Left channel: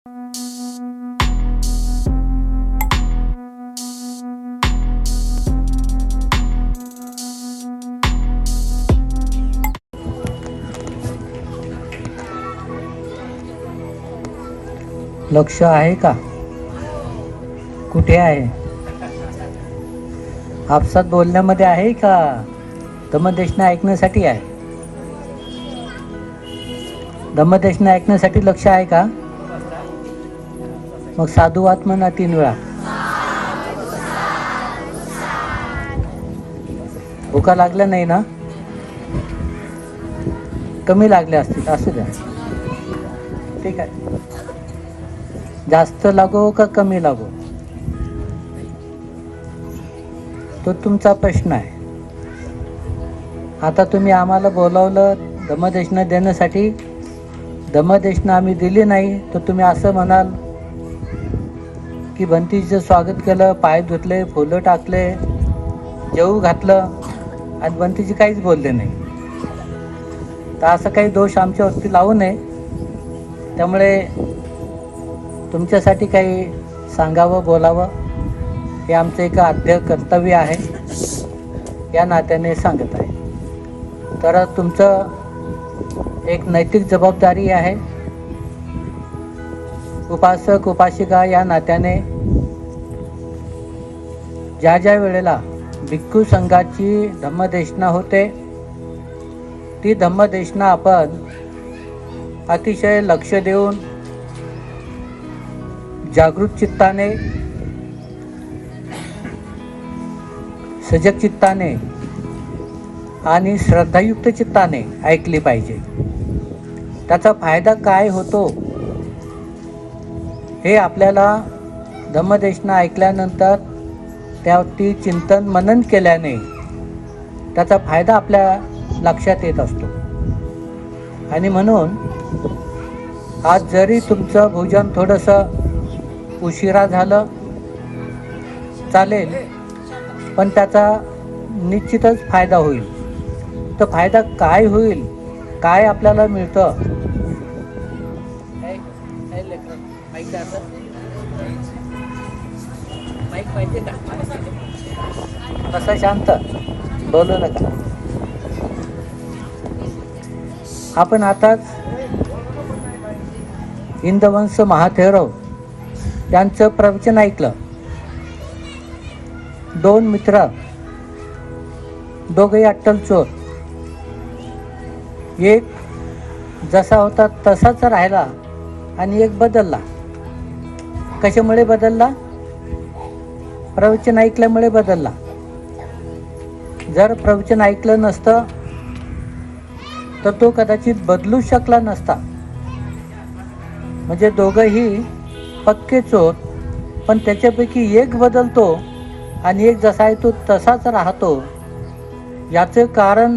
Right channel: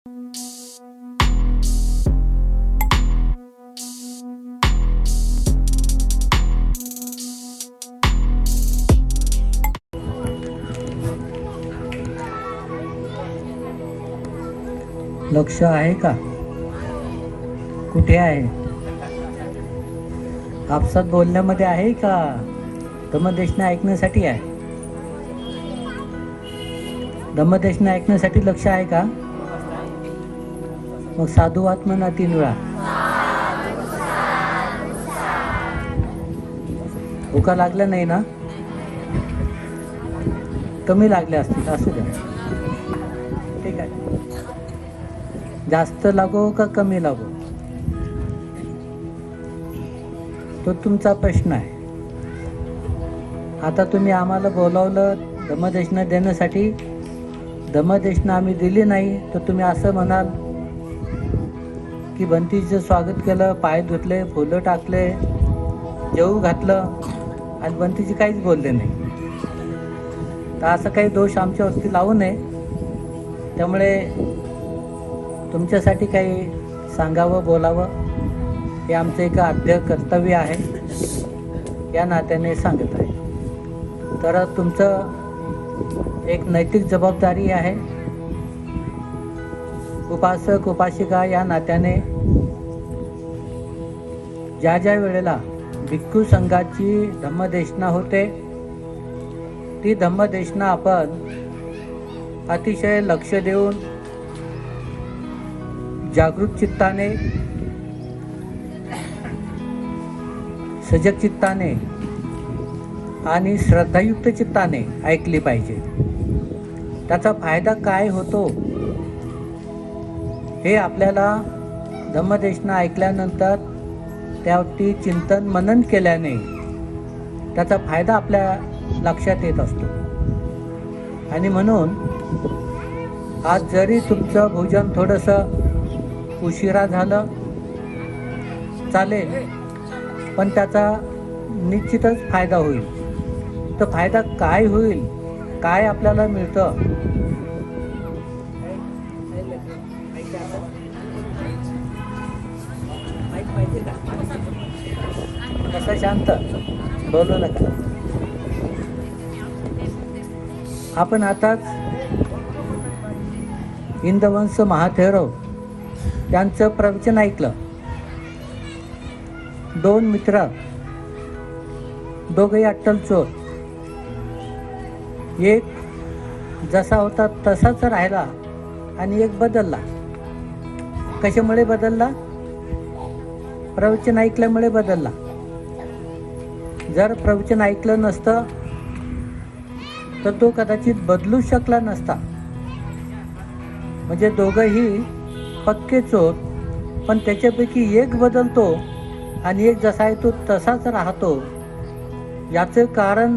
लक्ष आहे का? कुठे आहे? आपसात बोलण्यामध्ये आहे का? धम्मदेशना ऐकण्यासाठी आहे. धम्मदेशना ऐकण्यासाठी लक्ष आहे का? मग साधुवाद म्हणा 3 वेळा. भुका लागल्या नाही ना? कमी लागल्या असतील असू द्या. ठीक आहे. जास्त लागो का कमी लागो तो तुमचा प्रश्न आहे. आता तुम्ही आम्हाला बोलावलं धम्मदेशना देण्यासाठी, धम्मदेशना आम्ही दिली नाही तर तुम्ही असं म्हणाल की बंतीचं स्वागत केलं, पाय धुतले, फुलं टाकले, जेवू घातलं आणि बंतीजी काहीच बोलले नाही. तर असं काही दोष आमच्यावरती लावू नये. त्यामुळे तुमच्यासाठी काही सांगावं, बोलावं हे आमचं एक आद्य कर्तव्य आहे. या नात्याने सांगत आहे. तर तुमचं एक नैतिक जबाबदारी आहे. उपासक उपासिका या नात्याने ज्या ज्या वेळेला भिक्खू संघाची धम्मदेशना होते ती धम्मदेशना आपण अतिशय लक्ष देऊन जागृत चित्ताने, सजग चित्ताने आणि श्रद्धायुक्त चित्ताने ऐकली पाहिजे. त्याचा फायदा काय होतो हे आपल्याला धम्मदेशना ऐकल्यानंतर त्यावरती चिंतन मनन केल्याने त्याचा फायदा आपल्या लक्षात येत असतो. आणि म्हणून आज जरी तुमचं भोजन थोडंसं उशिरा झालं चालेल, पण त्याचा निश्चितच फायदा होईल. तर फायदा काय होईल, काय आपल्याला मिळतं? माईक पाहिजे का? तसं शांत बोलू नका. आपण आताच इंदवंश महाथेरो यांचं प्रवचन ऐकलं. 2 मित्र, दोघेही अट्टल चोर. एक जसा होता तसाच राहिला आणि एक बदलला. कशामुळे बदलला? प्रवचन ऐकल्यामुळे बदलला. जर प्रवचन ऐकलं नसतं तर तो कदाचित बदलू शकला नसता. म्हणजे दोघंही पक्के चोर, पण त्याच्यापैकी एक बदलतो आणि एक जसा आहे तो तसाच राहतो. याचं कारण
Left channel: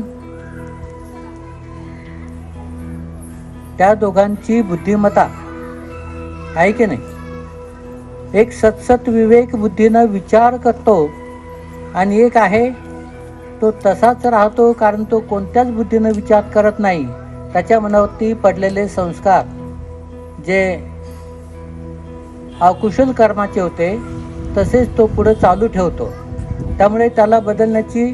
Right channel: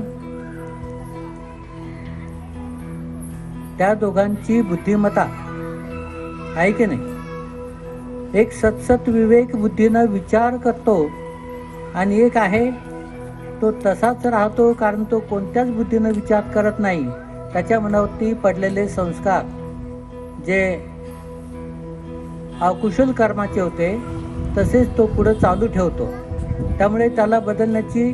त्या दोघांची बुद्धिमत्ता आहे की नाही. एक सतसत विवेक बुद्धीनं विचार करतो आणि एक आहे तो तसाच राहतो, कारण तो कोणत्याच बुद्धीनं विचार करत नाही. त्याच्या मनावरती पडलेले संस्कार जे अकुशल कर्माचे होते तसेच तो पुढे चालू ठेवतो. त्यामुळे त्याला बदलण्याची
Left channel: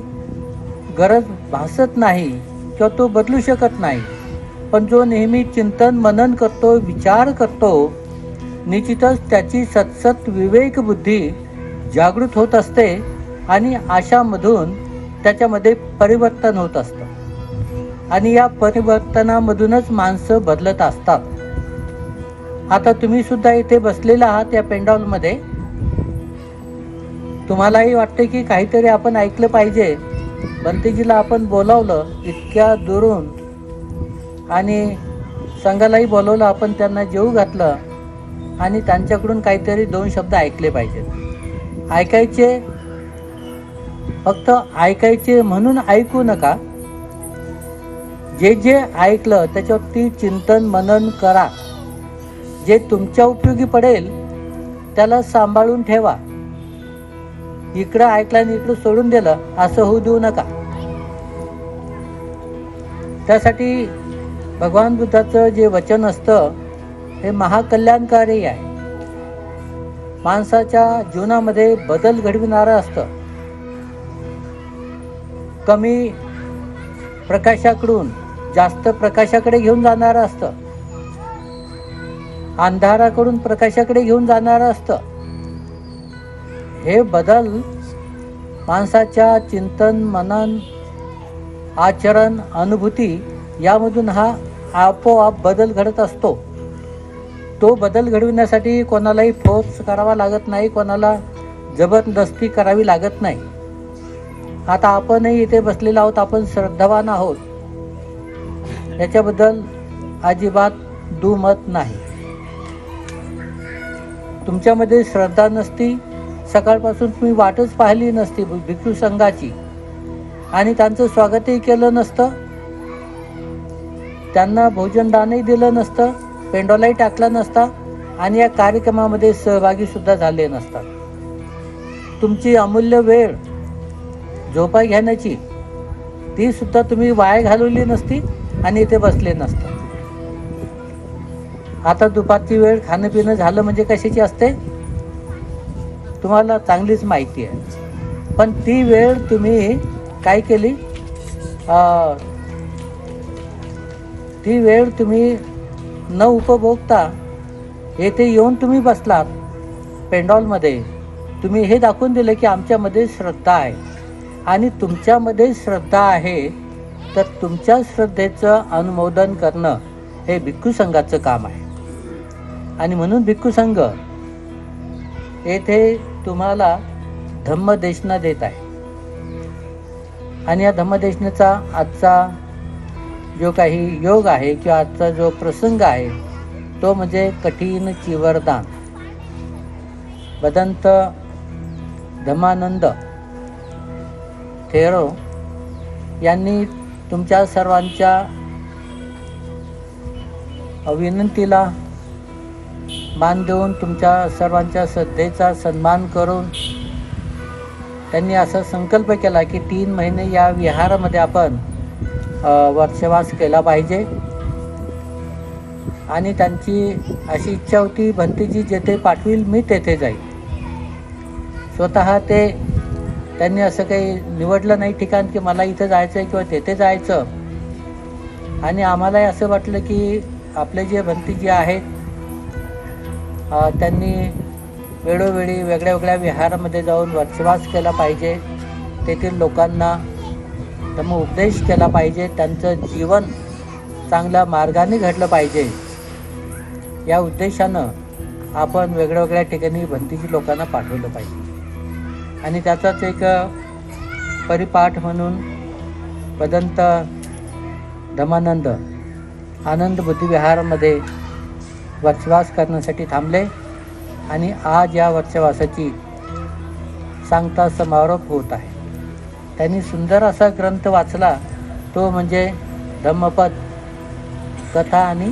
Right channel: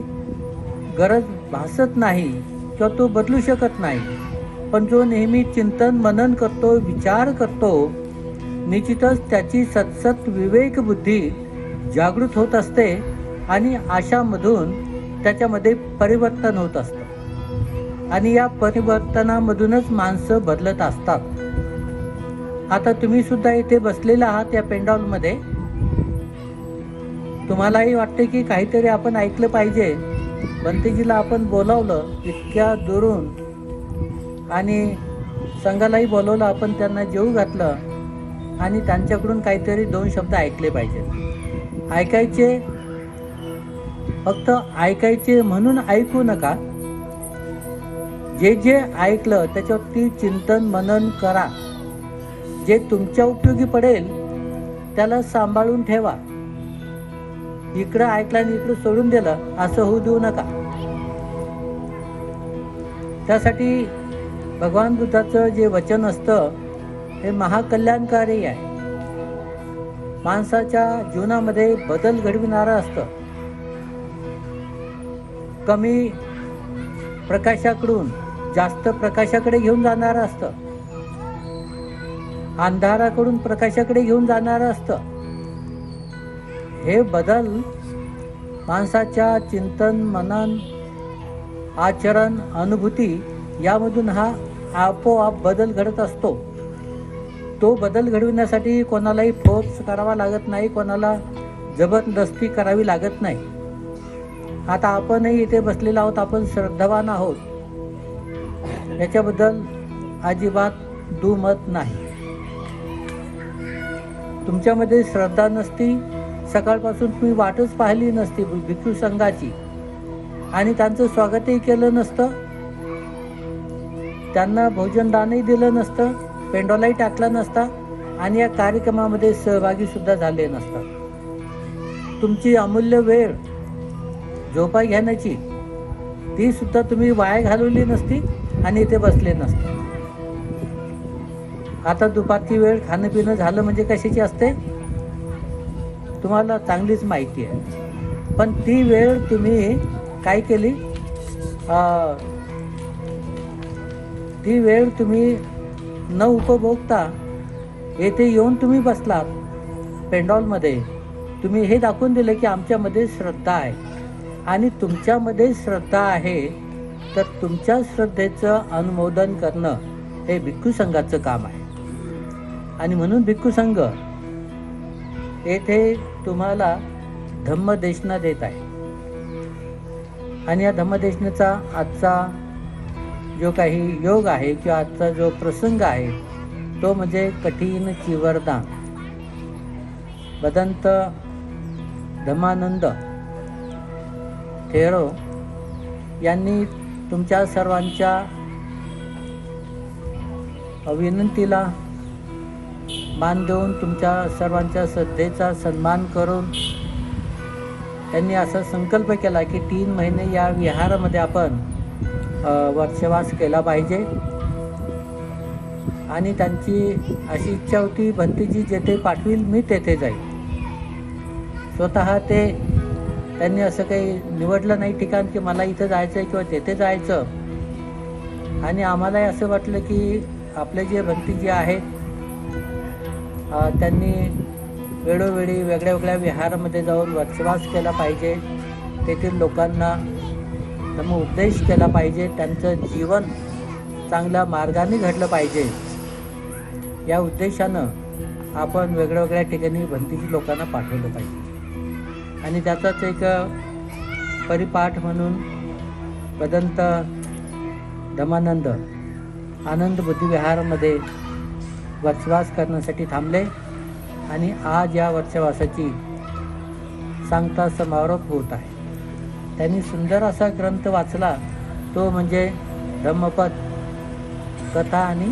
गरज भासत नाही किंवा तो बदलू शकत नाही. पण जो नेहमी चिंतन मनन करतो, विचार करतो, निश्चितच त्याची सतसत विवेक बुद्धी जागृत होत असते आणि आशामधून त्याच्यामध्ये परिवर्तन होत असतं आणि या परिवर्तनामधूनच माणसं बदलत असतात. आता तुम्ही सुद्धा इथे बसलेला आहात या पेंडॉलमध्ये. तुम्हालाही वाटते की काहीतरी आपण ऐकलं पाहिजे. बंतेजीला आपण बोलावलं इतक्या दुरून आणि संघालाही बोलवलं, आपण त्यांना जेवू घातलं आणि त्यांच्याकडून काहीतरी 2 शब्द ऐकले पाहिजेत. ऐकायचे, फक्त ऐकायचे म्हणून ऐकू नका. जे जे ऐकलं त्याच्यावरती चिंतन मनन करा. जे तुमच्या उपयोगी पडेल त्याला सांभाळून ठेवा. इकडं ऐकलं आणि इकडं सोडून दिलं असं होऊ देऊ नका. त्यासाठी भगवान बुद्धाचं जे वचन असतं हे महाकल्याणकारी आहे. माणसाच्या जीवनामध्ये बदल घडविणारं असतं. कमी प्रकाशाकडून जास्त प्रकाशाकडे घेऊन जाणारं असतं. अंधाराकडून प्रकाशाकडे घेऊन जाणारं असतं. हे बदल माणसाच्या चिंतन, मनन, आचरण, अनुभूती यामधून हा आपोआप बदल घडत असतो. तो बदल घडविण्यासाठी कोणालाही फोर्स करावा लागत नाही, कोणाला जबरदस्ती करावी लागत नाही. आता आपणही इथे बसलेलो आहोत, आपण श्रद्धावान आहोत, याच्याबद्दल अजिबात दुमत नाही. तुमच्यामध्ये श्रद्धा नसती, सकाळपासून तुम्ही वाटच पाहिली नसती भिक्षू संघाची आणि त्यांचं स्वागतही केलं नसतं, त्यांना भोजनदानही दिलं नसतं, पेंडोलाही टाकला नसता आणि या कार्यक्रमामध्ये सहभागी सुद्धा झाले नसतात. तुमची अमूल्य वेळ झोपा घेण्याची ती सुद्धा तुम्ही वाया घालवली नसती आणि इथे बसले नसते. आता दुपारची वेळ खाणं पिणं झालं म्हणजे कशाची असते तुम्हाला चांगलीच माहिती आहे. पण ती वेळ तुम्ही काय केली, ती वेळ तुम्ही न उपभोगता येथे येऊन तुम्ही बसलात पेंडॉलमध्ये. तुम्ही हे दाखवून दिलं की आमच्यामध्ये श्रद्धा आहे आणि तुमच्यामध्ये श्रद्धा आहे, तर तुमच्या श्रद्धेचं अनुमोदन करणं हे भिक्खू संघाचं काम आहे. आणि म्हणून भिक्खू संघ येथे तुम्हाला धम्मदेशना देत आहे. आणि या धम्मदेशनेचा आजचा जो काही योग आहे किंवा आजचा जो प्रसंग आहे तो म्हणजे कठीण चिवरदान. भदंत धम्मानंद थेरो यांनी तुमच्या सर्वांच्या विनंतीला मान देऊन, तुमच्या सर्वांच्या श्रद्धेचा सन्मान करून त्यांनी असा संकल्प केला की 3 महिने या विहारामध्ये आपण वर्षवास केला पाहिजे. आणि त्यांची अशी इच्छा होती, भंतीजी जेथे पाठवील मी तेथे जाईल. स्वतः त्यांनी असं काही निवडलं नाही ठिकाण की मला इथं जायचं आहे किंवा तेथे जायचं. आणि आम्हालाही असं वाटलं की आपले जे भंतीजी आहेत त्यांनी वेळोवेळी वेगळ्या वेगळ्या विहारामध्ये जाऊन वर्षवास केला पाहिजे, तेथील लोकांना धम्म उपदेश केला पाहिजे, त्यांचं जीवन चांगल्या मार्गाने घडलं पाहिजे. या उद्देशानं आपण वेगळ्या वेगळ्या ठिकाणी भंतीजी लोकांना पाठवलं पाहिजे. आणि त्याचाच एक परिपाठ म्हणून भदंत धम्मानंद आनंद बुद्धिविहारामध्ये वर्षवास करण्यासाठी थांबले. आणि आज या वर्षवासाची सांगता समारोप होत आहे. त्यांनी सुंदर असा ग्रंथ वाचला, तो म्हणजे धम्मपद कथा आणि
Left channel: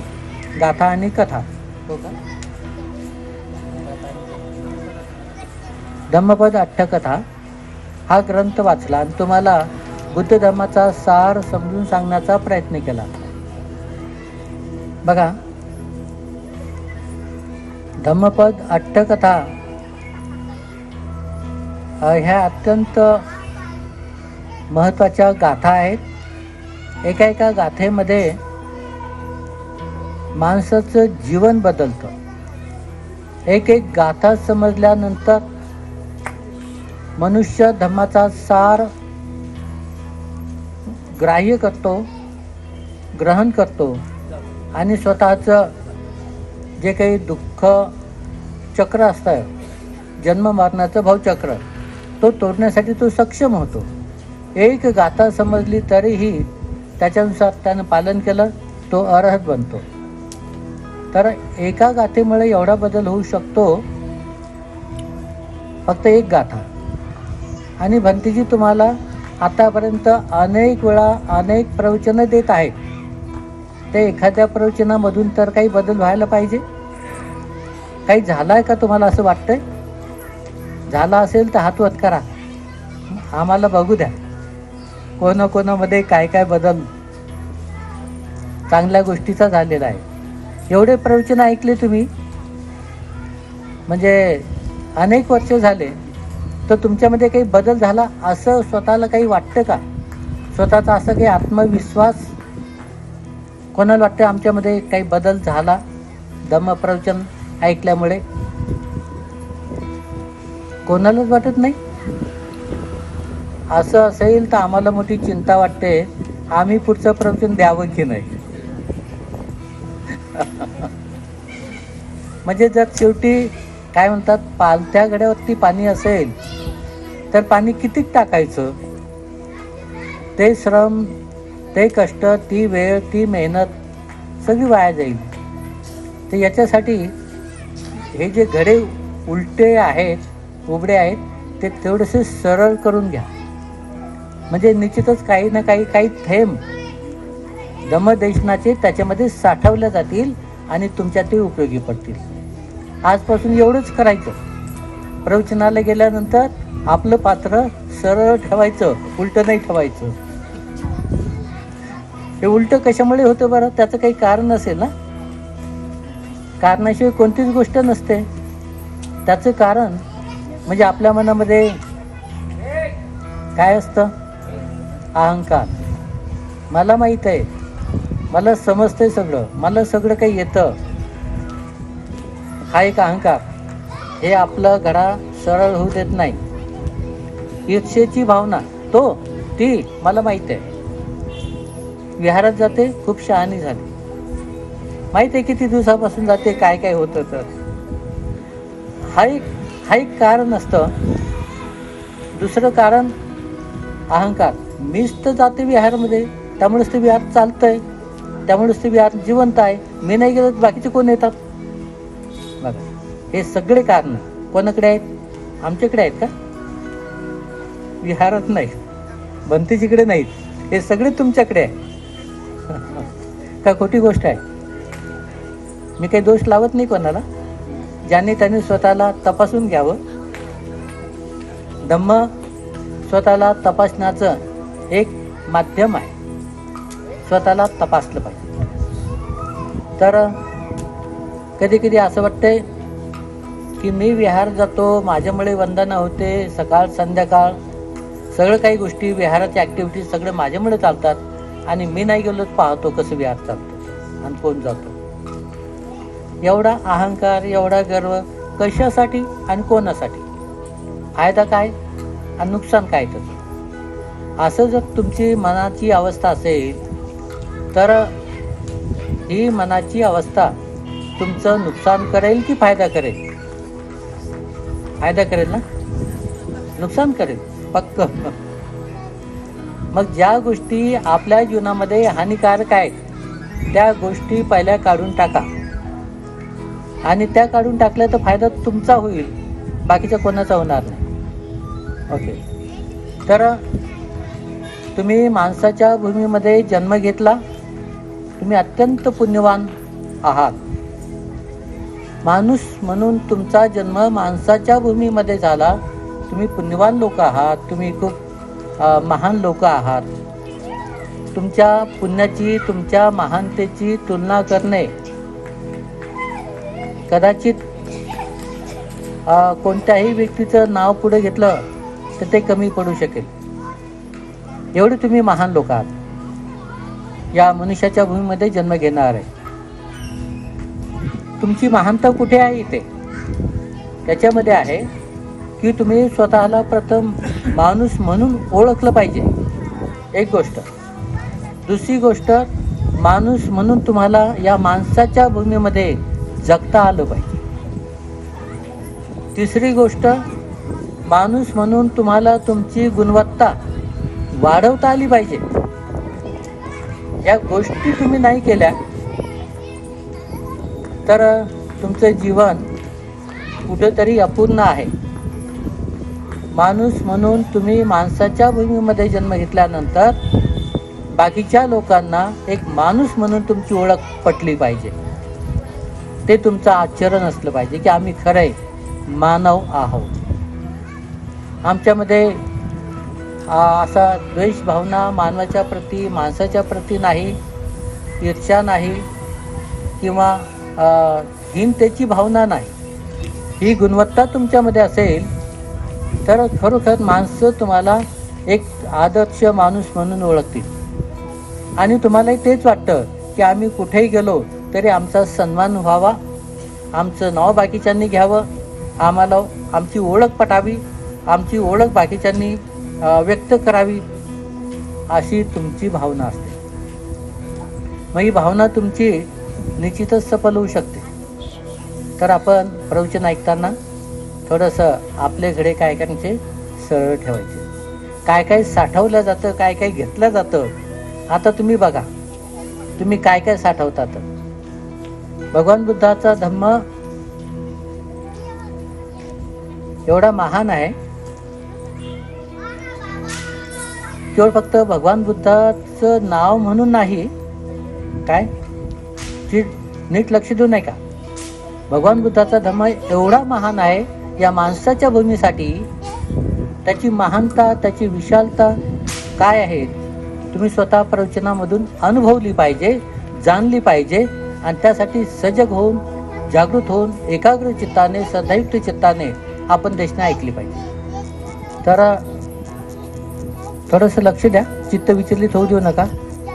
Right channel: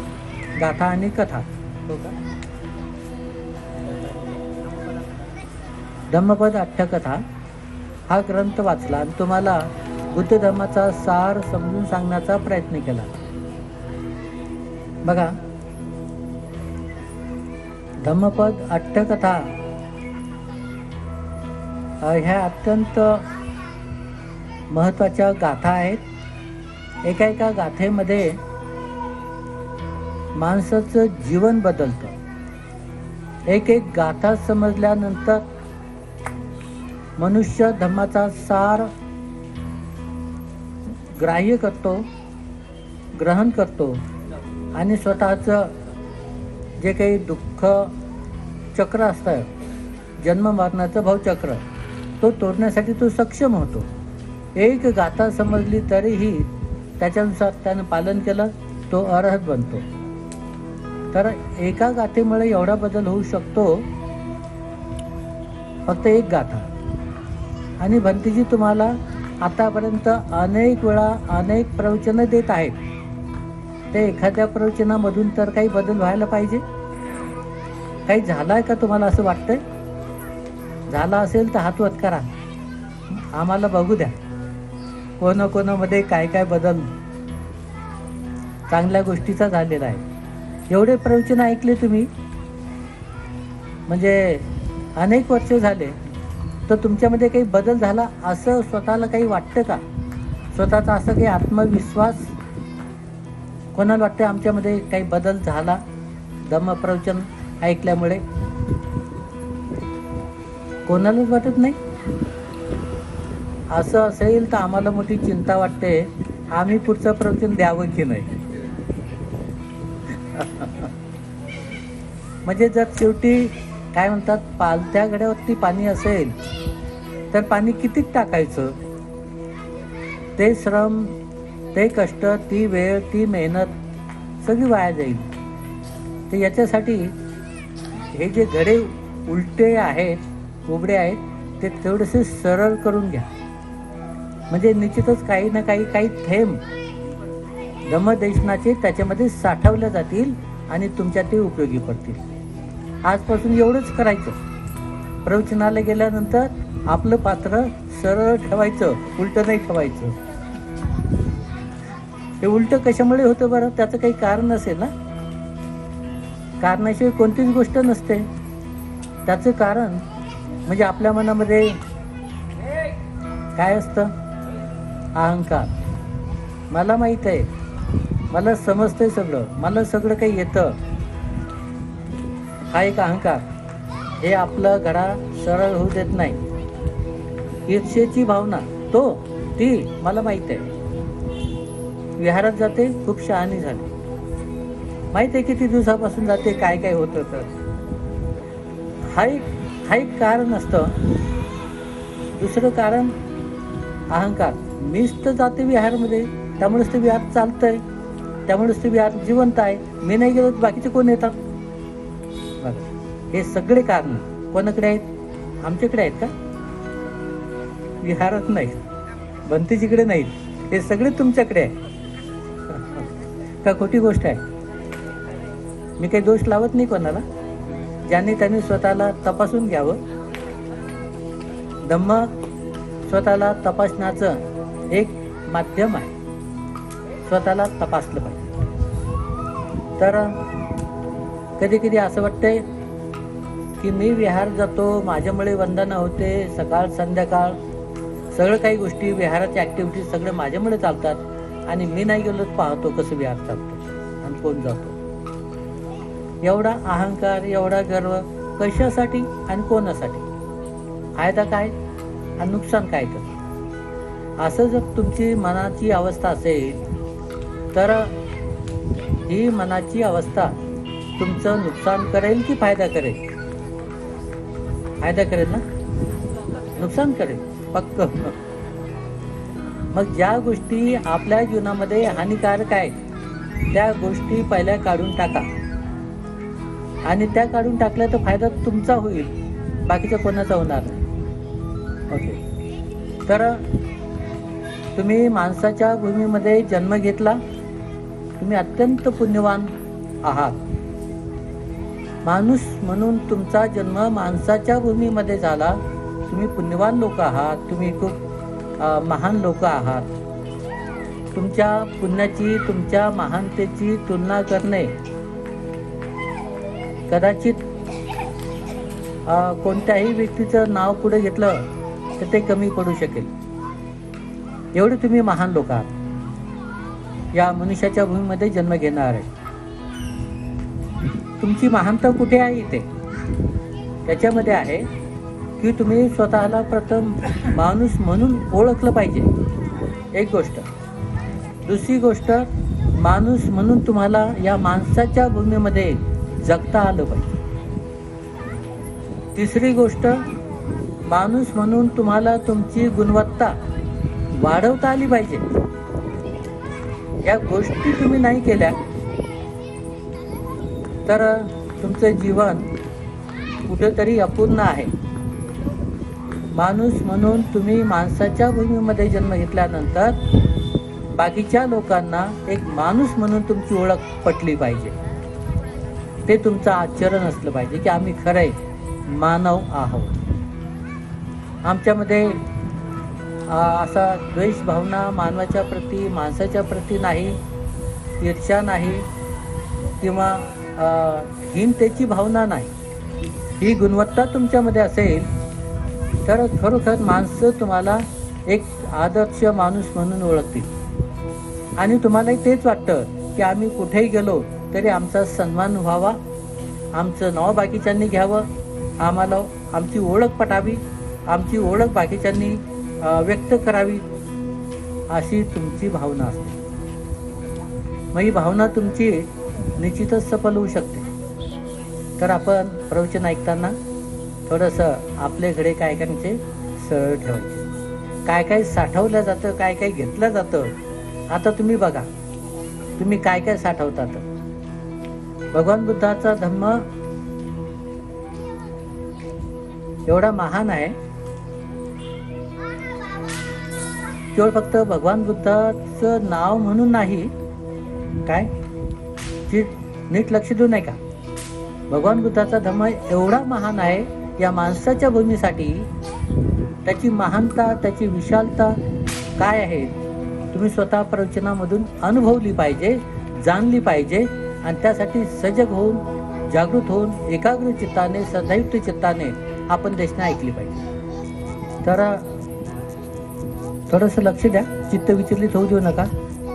गाथा आणि कथा. धम्मपद अठ्ठकथा हा ग्रंथ वाचला आणि तुम्हाला बुद्ध धर्माचा सार समजून सांगण्याचा प्रयत्न केला. बघा, धम्मपद अठ्ठकथा ह्या अत्यंत महत्त्वाच्या गाथा आहेत. एका एका गाथेमध्ये माणसाचं जीवन बदलतं. एक एक गाथा समजल्यानंतर मनुष्य धम्माचा सार ग्राह्य करतो, ग्रहण करतो आणि स्वतःचं जे काही दुःख चक्र असतं, जन्म मरणाचं भावचक्र, तो तोडण्यासाठी तो सक्षम होतो. एक गाथा समजली तरीही त्याच्यानुसार त्यानं पालन केलं, तो अरहत बनतो. तर एका गाथेमुळे एवढा बदल होऊ शकतो, फक्त एक गाथा. आणि भंतीजी तुम्हाला आतापर्यंत अनेक वेळा अनेक प्रवचनं देत आहेत. ते एखाद्या प्रवचनामधून तर काही बदल व्हायला पाहिजे. काही झाला आहे का तुम्हाला असं वाटतंय? झाला असेल तर हात वर करा, आम्हाला बघू द्या कोणाकोणामध्ये काय काय बदल चांगल्या गोष्टीचा झालेला आहे. एवढे प्रवचन ऐकले तुम्ही, म्हणजे अनेक वर्ष झाले, तर तुमच्यामध्ये काही बदल झाला असं स्वतःला काही वाटतं का? स्वतःचा असं काही आत्मविश्वास कोणाला वाटतं आमच्यामध्ये काही बदल झाला धम्मप्रवचन ऐकल्यामुळे? कोणालाच वाटत नाही. असं असेल तर आम्हाला मोठी चिंता वाटते, आम्ही पुढचं प्रवचन द्यावं की नाही. म्हणजे जर शेवटी काय म्हणतात, पालत्या गड्यावरती पाणी असेल तर पाणी कितीक टाकायचं? ते श्रम, ते कष्ट, ती वेळ, ती मेहनत सगळी वाया जाईल. तर याच्यासाठी हे जे घडे उलटे आहेत, उघडे आहेत, ते थोडेसे सरळ करून घ्या. म्हणजे निश्चितच काही ना काही थेंब धम्मदेशनाचे त्याच्यामध्ये साठवल्या जातील आणि तुमच्या ते उपयोगी पडतील. आजपासून एवढंच करायचं. प्रवचनाला गेल्यानंतर आपलं पात्र सरळ ठेवायचं, उलटं नाही ठेवायचं. हे उलटं कशामुळे होतं बरं? त्याचं काही कारण असेल ना. कारणाशिवाय कोणतीच गोष्ट नसते. त्याचं कारण म्हणजे आपल्या मनामध्ये काय असतं? अहंकार. मला माहीत आहे, मला समजतंय सगळं, मला सगळं काही येतं, हा एक अहंकार. हे आपलं घडा सरळ होऊ देत नाही. ईर्षेची भावना, ती मला माहीत आहे. विहारात जाते, खूप शहाणी झाली, माहीत आहे किती दिवसापासून जाते, काय काय होतं. तर हा एक कारण असतं. दुसरं कारण अहंकार. मीच तर जाते विहारमध्ये, त्यामुळेच ते विहार चालतंय, त्यामुळेच ते विहार जिवंत आहे. मी नाही गेलो तर बाकीचे कोण येतात? बघा, हे सगळे कारण कोणाकडे आहेत? आमच्याकडे आहेत का? विहारात नाही, भंतीजीकडे नाहीत, हे सगळे तुमच्याकडे आहे. का खोटी गोष्ट आहे? मी काही दोष लावत नाही कोणाला. ज्यांनी त्यांनी स्वतःला तपासून घ्यावं. धम्म स्वतःला तपासण्याचं एक माध्यम आहे. स्वतःला तपासलं पाहिजे. तर कधी कधी असं वाटतंय की मी विहार जातो, माझ्यामुळे वंदना होते, सकाळ संध्याकाळ सगळं काही गोष्टी, विहाराच्या ॲक्टिव्हिटीज सगळं माझ्यामुळे चालतात, आणि मी नाही गेलो पाहतो कसं विहार चालतं आणि कोण जातो. एवढा अहंकार, एवढा गर्व कशासाठी आणि कोणासाठी? फायदा काय आणि नुकसान काय? तर असं जर तुमची मनाची अवस्था असेल तर ही मनाची अवस्था तुमचं नुकसान करेल की फायदा करेल? फायदा करेल ना, नुकसान करेल फक्त. मग ज्या गोष्टी आपल्या जीवनामध्ये हानिकारक आहेत त्या गोष्टी पहिल्या काढून टाका, आणि त्या काढून टाकल्या तर फायदा तुमचा होईल, बाकीचा कोणाचा होणार नाही. ओके. तर तुम्ही माणसाच्या भूमीमध्ये जन्म घेतला, तुम्ही अत्यंत पुण्यवान आहात. माणूस म्हणून तुमचा जन्म माणसाच्या भूमीमध्ये झाला, तुम्ही पुण्यवान लोक आहात, तुम्ही खूप महान लोक आहात. तुमच्या पुण्याची, तुमच्या महानतेची तुलना करणे कदाचित कोणत्याही व्यक्तीचं नाव पुढे घेतलं तर ते कमी पडू शकेल. एवढे तुम्ही महान लोक आहात, या मनुष्याच्या भूमीमध्ये जन्म घेणार आहे. तुमची महानता कुठे आहे? इथे त्याच्यामध्ये आहे की तुम्ही स्वतःला प्रथम माणूस म्हणून ओळखलं पाहिजे, एक गोष्ट. दुसरी गोष्ट, माणूस म्हणून तुम्हाला या माणसाच्या भूमीमध्ये जगता आलं पाहिजे. तिसरी गोष्ट, माणूस म्हणून तुम्हाला तुमची गुणवत्ता वाढवता आली पाहिजे. या गोष्टी तुम्ही नाही केल्या तर तुमचं जीवन कुठेतरी अपूर्ण आहे. माणूस म्हणून तुम्ही माणसाच्या भूमीमध्ये जन्म घेतल्यानंतर बाकीच्या लोकांना एक माणूस म्हणून तुमची ओळख पटली पाहिजे. ते तुमचं आचरण असलं पाहिजे की आम्ही खरंय मानव आहोत. आमच्यामध्ये असा द्वेष भावना मानवाच्या प्रती, माणसाच्या प्रती नाही, ईर्ष्या नाही, किंवा हीनतेची भावना नाही, ही गुणवत्ता तुमच्यामध्ये असेल तर खरोखर माणसं तुम्हाला एक आदर्श माणूस म्हणून ओळखतील आणि तुम्हालाही तेच वाटतं की आम्ही कुठेही गेलो तरी आमचा सन्मान व्हावा, आमचं नाव बाकीच्यांनी घ्यावं, आम्हाला आमची ओळख पटावी, आमची ओळख बाकीच्यांनी व्यक्त करावी, अशी तुमची भावना असते. मग ही भावना तुमची निश्चितच सफल होऊ शकते. तर आपण प्रवचन ऐकताना थोडंसं आपले घडे काय करायचे, सरळ ठेवायचे. काय काय साठवलं जातं, काय काय घेतलं जातं. आता तुम्ही बघा, तुम्ही काय काय साठवतात. भगवान बुद्धाचा धम्म एवढा महान आहे, केवळ फक्त भगवान बुद्धाचं नाव म्हणून नाही. काय नीट लक्ष देऊ नये का? भगवान बुद्धाचा धम्म एवढा महान आहे, या माणसाच्या भूमीसाठी त्याची महानता, त्याची विशालता काय आहे तुम्ही स्वतः प्रवचनामधून अनुभवली पाहिजे, जाणली पाहिजे आणि त्यासाठी सजग होऊन, जागृत होऊन, एकाग्र चित्ताने, सदैव चित्ताने आपण देशना ऐकली पाहिजे. तर थोडंसं लक्ष द्या, चित्त विचलित होऊ देऊ नका,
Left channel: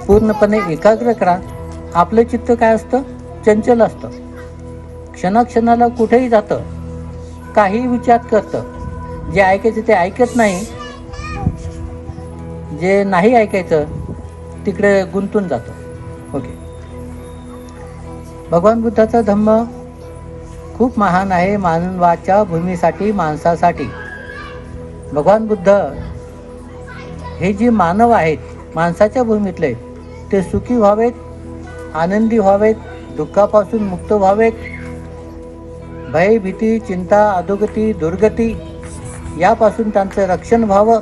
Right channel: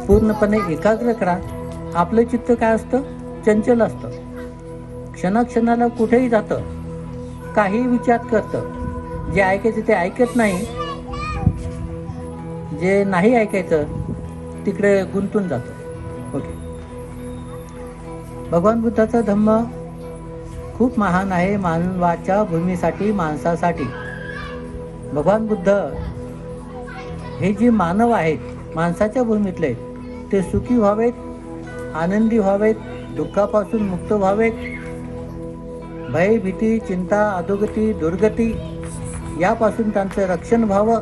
पूर्णपणे एकाग्र करा. आपलं चित्त काय असतं, चंचल असतं, क्षणाक्षणाला कुठेही जातं, काही विचार करतं. जे ऐकायचं ते ऐकत नाही, जे नाही ऐकायचं तिकडे गुंतून जातं. ओके. भगवान बुद्धाचा धम्म खूप महान आहे मानवाच्या भूमीसाठी, माणसासाठी. भगवान बुद्ध हे जे मानव आहेत, माणसाच्या भूमीतले, ते सुखी व्हावेत, आनंदी व्हावेत, दुःखापासून मुक्त व्हावेत, भय, भीती, चिंता, अधोगती, दुर्गती यापासून त्यांचं रक्षण व्हावं,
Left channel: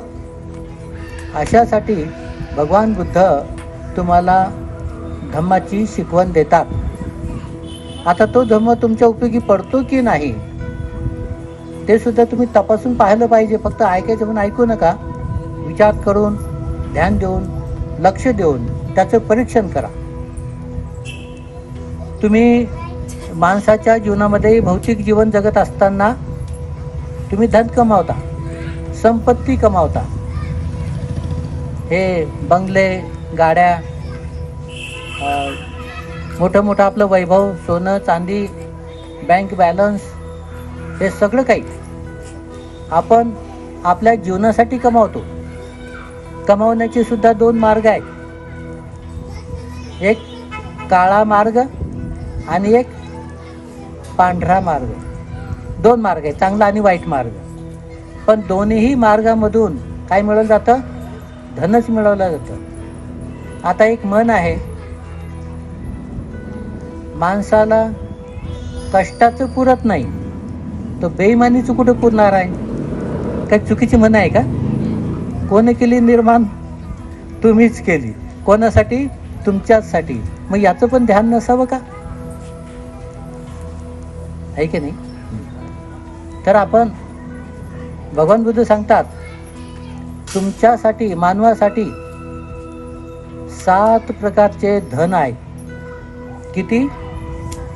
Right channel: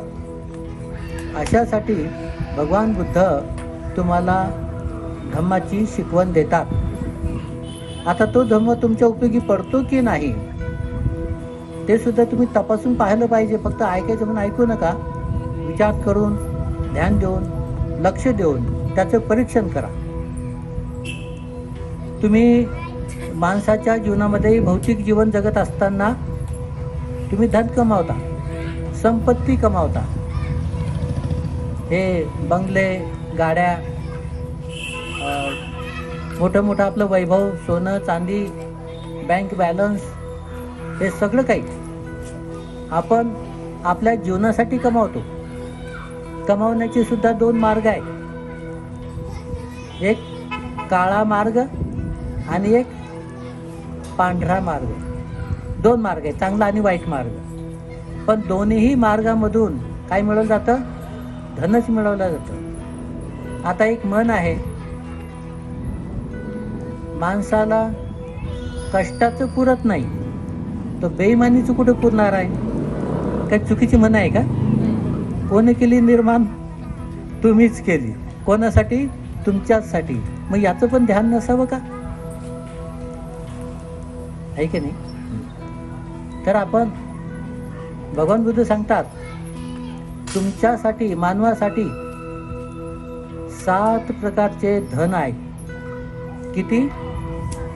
अशासाठी भगवान बुद्ध तुम्हाला धम्माची शिकवण देतात. आता तो धम्म तुमच्या उपयोगी पडतो की नाही ते सुद्धा तुम्ही तपासून पाहिलं पाहिजे. फक्त ऐकायचं म्हणून ऐकू नका, विचार करून, ध्यान देऊन, लक्ष देऊन त्याचं परीक्षण करा. तुम्ही माणसाच्या जीवनामध्ये भौतिक जीवन जगत असताना तुम्ही धन कमावता, संपत्ती कमावता, हे बंगले, गाड्या, मोठं मोठं आपलं वैभव, सोनं चांदी, बँक बॅलन्स, हे सगळं काही आपण आपल्या जीवनासाठी कमावतो. कमावण्याचे सुद्धा दोन मार्ग आहेत, एक काळा मार्ग आणि एक पांढरा मार्ग. दोन मार्ग आहेत, चांगला आणि वाईट मार्ग. पण दोन्ही मार्गामधून काय मिळवलं जातं, धनच मिळवलं जातं. आता एक म्हण आहे, माणसाला कष्टाचं पुरत नाही तो बेईमानीचं कुठं पुरणार आहे. काय चुकीची म्हण आहे का? कोणी केली निर्माण? तुम्हीच केली. कोणासाठी? तुमच्याचसाठी. मग याचं पण ध्यान नसावं का? आहे की नाही? तर आपण भगवान बुद्ध सांगतात, तुमच्यासाठी, मानवासाठी 7 प्रकारचे धन आहे. किती?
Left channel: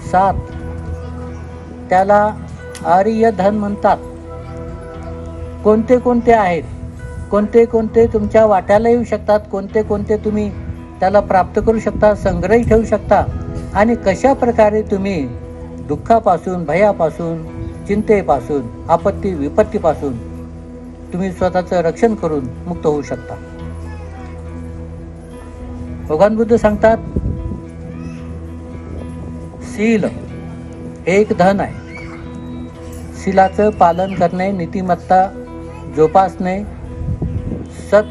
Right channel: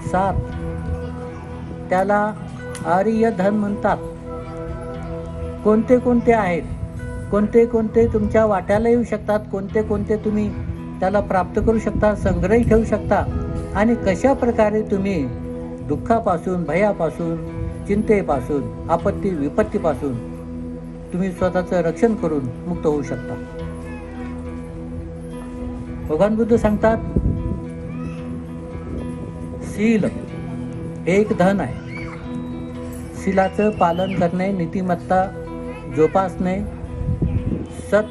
7. त्याला आर्य धन म्हणतात. कोणते कोणते आहेत, कोणते कोणते तुमच्या वाट्याला येऊ शकतात, कोणते कोणते तुम्ही त्याला प्राप्त करू शकता, संग्रही ठेवू शकता, आणि कशा प्रकारे तुम्ही दुःखापासून, भयापासून, चिंतेपासून, आपत्ती विपत्तीपासून तुम्ही स्वतःचं रक्षण करून मुक्त होऊ शकता. भगवान बुद्ध सांगतात, शील एक धन आहे. शीलाचं पालन करणे, नीतिमत्ता जोपासणे, सत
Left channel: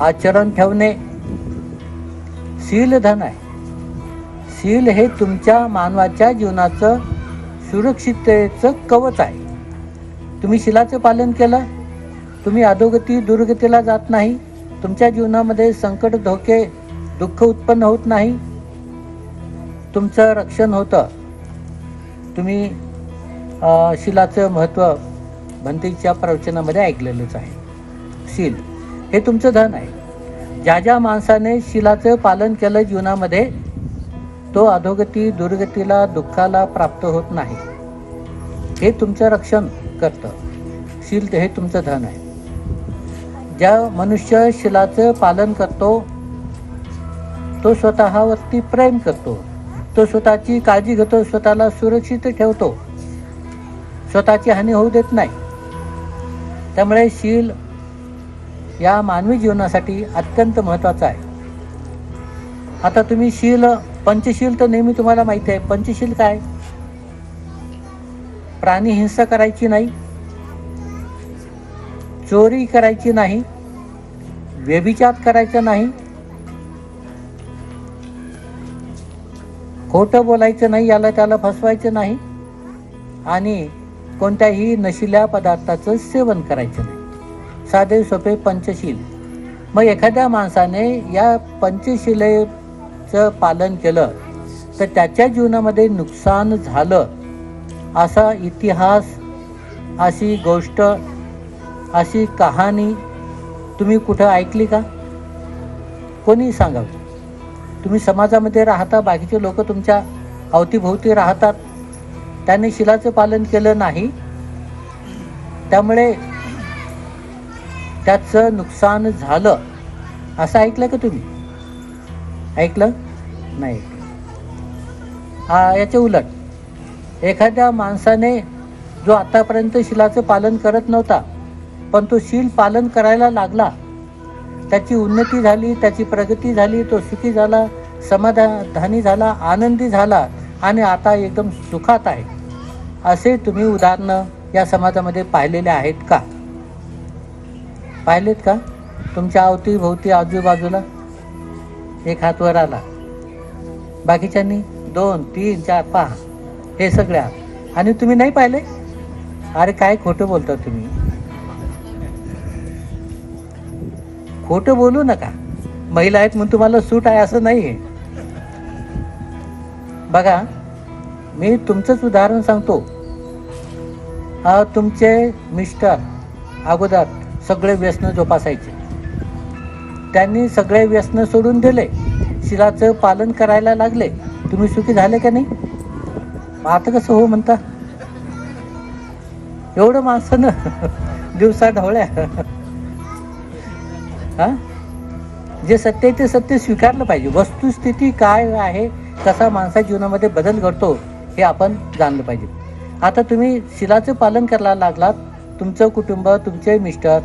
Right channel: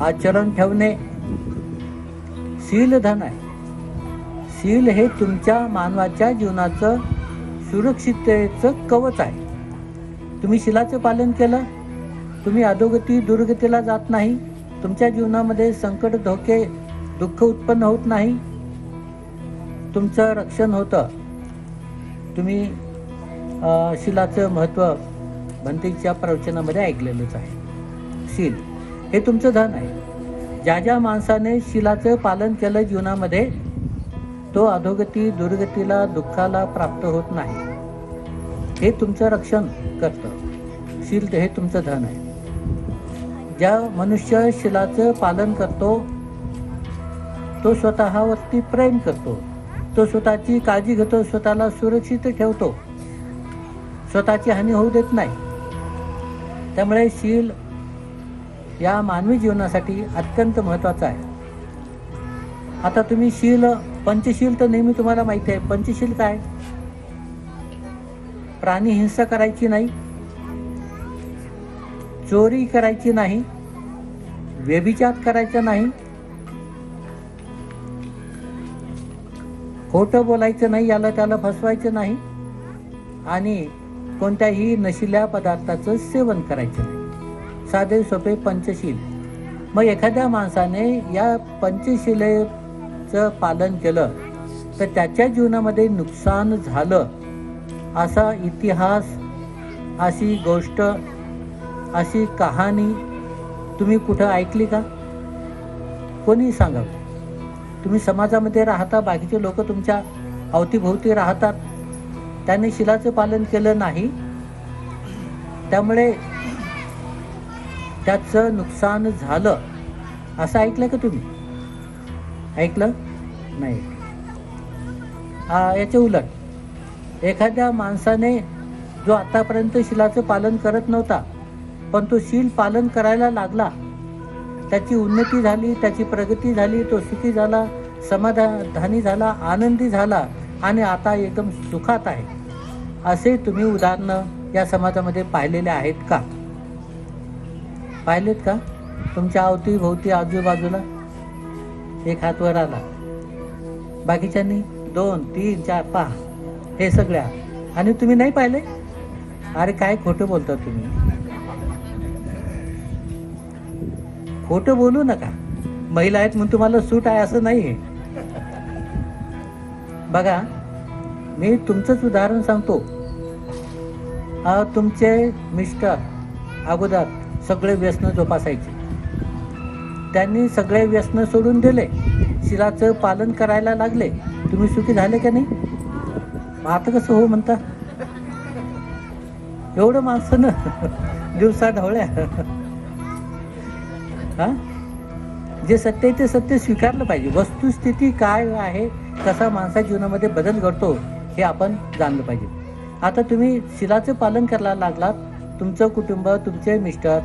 आचरण ठेवणे, शील धन आहे. शील हे तुमच्या मानवाच्या जीवनाचं सुरक्षिततेचं कवच आहे. तुम्ही शीलाचं पालन केलं, तुम्ही अधोगती, दुर्गतीला जात नाही, तुमच्या जीवनामध्ये संकट, धोके, दुःख उत्पन्न होत नाही, तुमचं रक्षण होतं. तुम्ही शीलाचं महत्त्व भंतेच्या प्रवचनामध्ये ऐकलेलंच आहे. शील हे तुमचं धन आहे. ज्या ज्या माणसाने शीलाचं पालन केलं जीवनामध्ये, तो अधोगती दुर्गतीला दुःखाला प्राप्त होत नाही. हे तुमचं रक्षण करतं. शील हे तुमचं धन आहे. ज्या मनुष्य शीलाचं पालन करतो तो स्वतःवरती प्रेम करतो, तो स्वतःची काळजी घेतो, स्वतःला सुरक्षित ठेवतो, स्वतःची हानी होऊ देत नाही. त्यामुळे शील या मानवी जीवनासाठी अत्यंत महत्त्वाचं आहे. आता तुम्ही शील, पंचशील तर नेहमी तुम्हाला माहिती आहे. पंचशील काय? प्राणी हिंसा करायची नाही, चोरी करायची नाही, व्यभिचार करायचा नाही, खोटं बोलायचं नाही, याला त्याला फसवायचं नाही, आणि कोणत्याही नशिल्या पदार्थाचं सेवन करायचं नाही. साधे सोपे पंचशील. मग एखाद्या माणसाने या पंचशिलेचं पालन केलं तर त्याच्या जीवनामध्ये नुकसान झालं असा इतिहास, अशी गोष्ट, अशी कहाणी तुम्ही कुठं ऐकली का? कोणी सांगा. तुम्ही समाजामध्ये राहता, बाकीचे लोक तुमच्या अवतीभोवती राहतात, त्याने शिलाचं पालन केलं नाही, त्यामुळे त्याचं नुकसान झालं असं ऐकलं का तुम्ही? ऐकलं नाही. याच्या उलट एखाद्या माणसाने जो आतापर्यंत शिलाचं पालन करत नव्हता पण तो शील पालन करायला लागला, त्याची उन्नती झाली, त्याची प्रगती झाली, तो सुखी झाला, समाधानी झाला, आनंदी झाला आणि आता एकदम सुखात आहे, असे तुम्ही उदाहरणं या समाजामध्ये पाहिलेले आहेत का? पाहिलेत का? तुमच्या अवतीभोवती आजूबाजूला एक हात वर आला, बाकीच्यांनी 2, 3, 4, 5 हे सगळ्या, आणि तुम्ही नाही पाहिले? अरे काय खोटं बोलता तुम्ही. खोटं बोलू नका. महिला आहेत म्हणून तुम्हाला सूट आहे असं नाही आहे. बघा, मी तुमचंच उदाहरण सांगतो. तुमचे मिस्टर अगोदर सगळे व्यसन जोपासायचे, त्यांनी सगळे व्यसन सोडून दिले, शिलाचं पालन करायला लागले, तुम्ही सुखी झाले का नाही? आता कसं हो म्हणता? एवढं माणसानं दिवसा ढवळ्या. जे सत्य आहे ते सत्य स्वीकारलं पाहिजे. वस्तुस्थिती काय आहे, कसा माणसा जीवनामध्ये बदल घडतो हे आपण जाणलं पाहिजे. आता तुम्ही शिलाचं पालन करायला लागलात, तुमचं कुटुंब, तुमचे मिस्टर,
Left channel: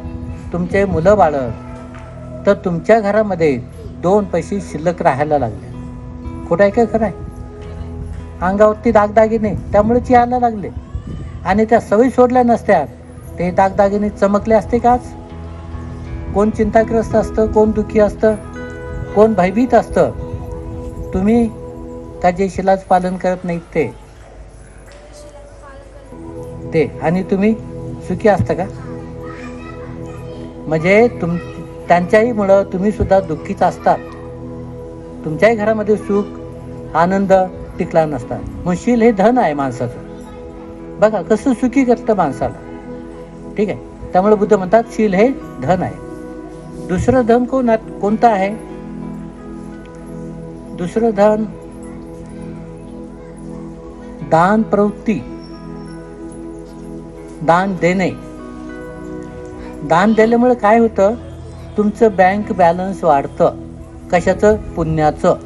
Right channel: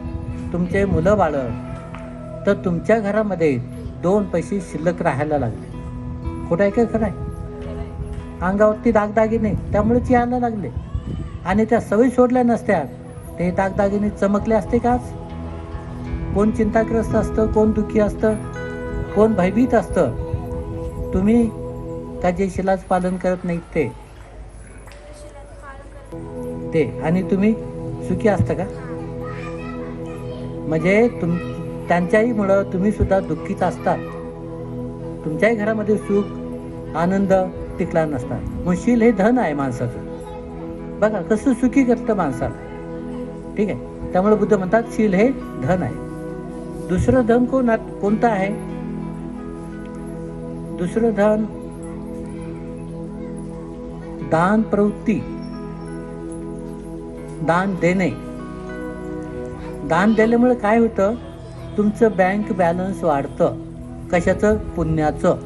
तुमचे मुलं बाळं, तर तुमच्या घरामध्ये 2 पैसे शिल्लक राहायला लागले. खोटं आहे का खरं आहे? अंगावरती दागदागिने त्यामुळेच यायला लागले, आणि त्या सवयी सोडल्या नसत्या ते दागदागिने चमकले असते का आज? कोण चिंताग्रस्त असतं, कोण दुःखी असतं, कोण भयभीत असतं? तुम्ही का जे शिलाचं पालन करत नाहीत ते, आणि तुम्ही सुखी असता का? म्हणजे त्यांच्याही मुळे तुम्ही सुद्धा दुःखीच असतात. तुमच्याही घरामध्ये सुख आनंद टिकला नसता. मग शील हे धन आहे माणसाचं. बघा कसं सुखी करतं माणसाला. ठीक आहे, त्यामुळे बुद्ध म्हणतात शील हे धन आहे. दुसरं धन कोणतं आहे? दुसरं धन दान प्रवृत्ती, दान देणे. दान दिल्यामुळे काय होतं? तुमचं बँक बॅलन्स वाढतं. कशाचं? पुण्याचं.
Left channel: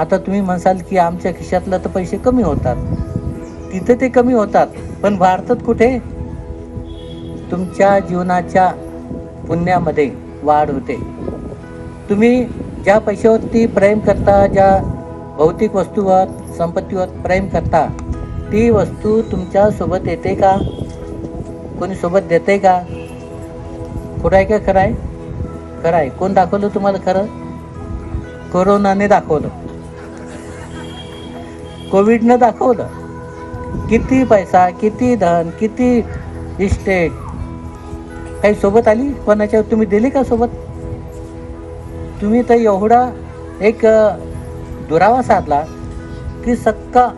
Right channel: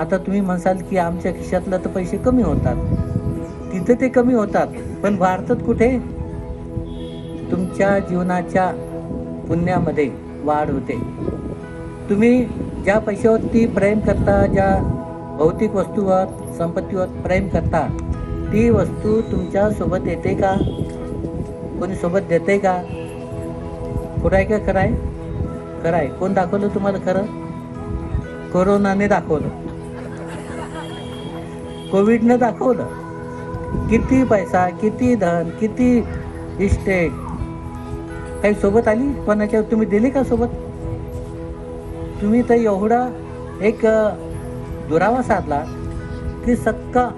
आता तुम्ही म्हणसाल की आमच्या खिशातलं तर पैसे कमी होतात. तिथं ते कमी होतात, पण वाढतात कुठे? तुमच्या जीवनाच्या पुण्यामध्ये वाढ होते. तुम्ही ज्या पैशावरती प्रेम करता, ज्या भौतिक वस्तूवर, संपत्तीवर प्रेम करता, ती वस्तू तुमच्या सोबत येते का? कोणी सोबत देते का? खोटं आहे का खरं आहे? खरं आहे. कोण दाखवलं तुम्हाला खरं? कोरोनाने दाखवलं, कोविडनं दाखवलं. किती पैसा, किती धन, किती इस्टेट काही सोबत आली कोणाच्या? तुम्ही दिली का सोबत? तुम्ही तर एवढा एक दुरावा साधला की सक्का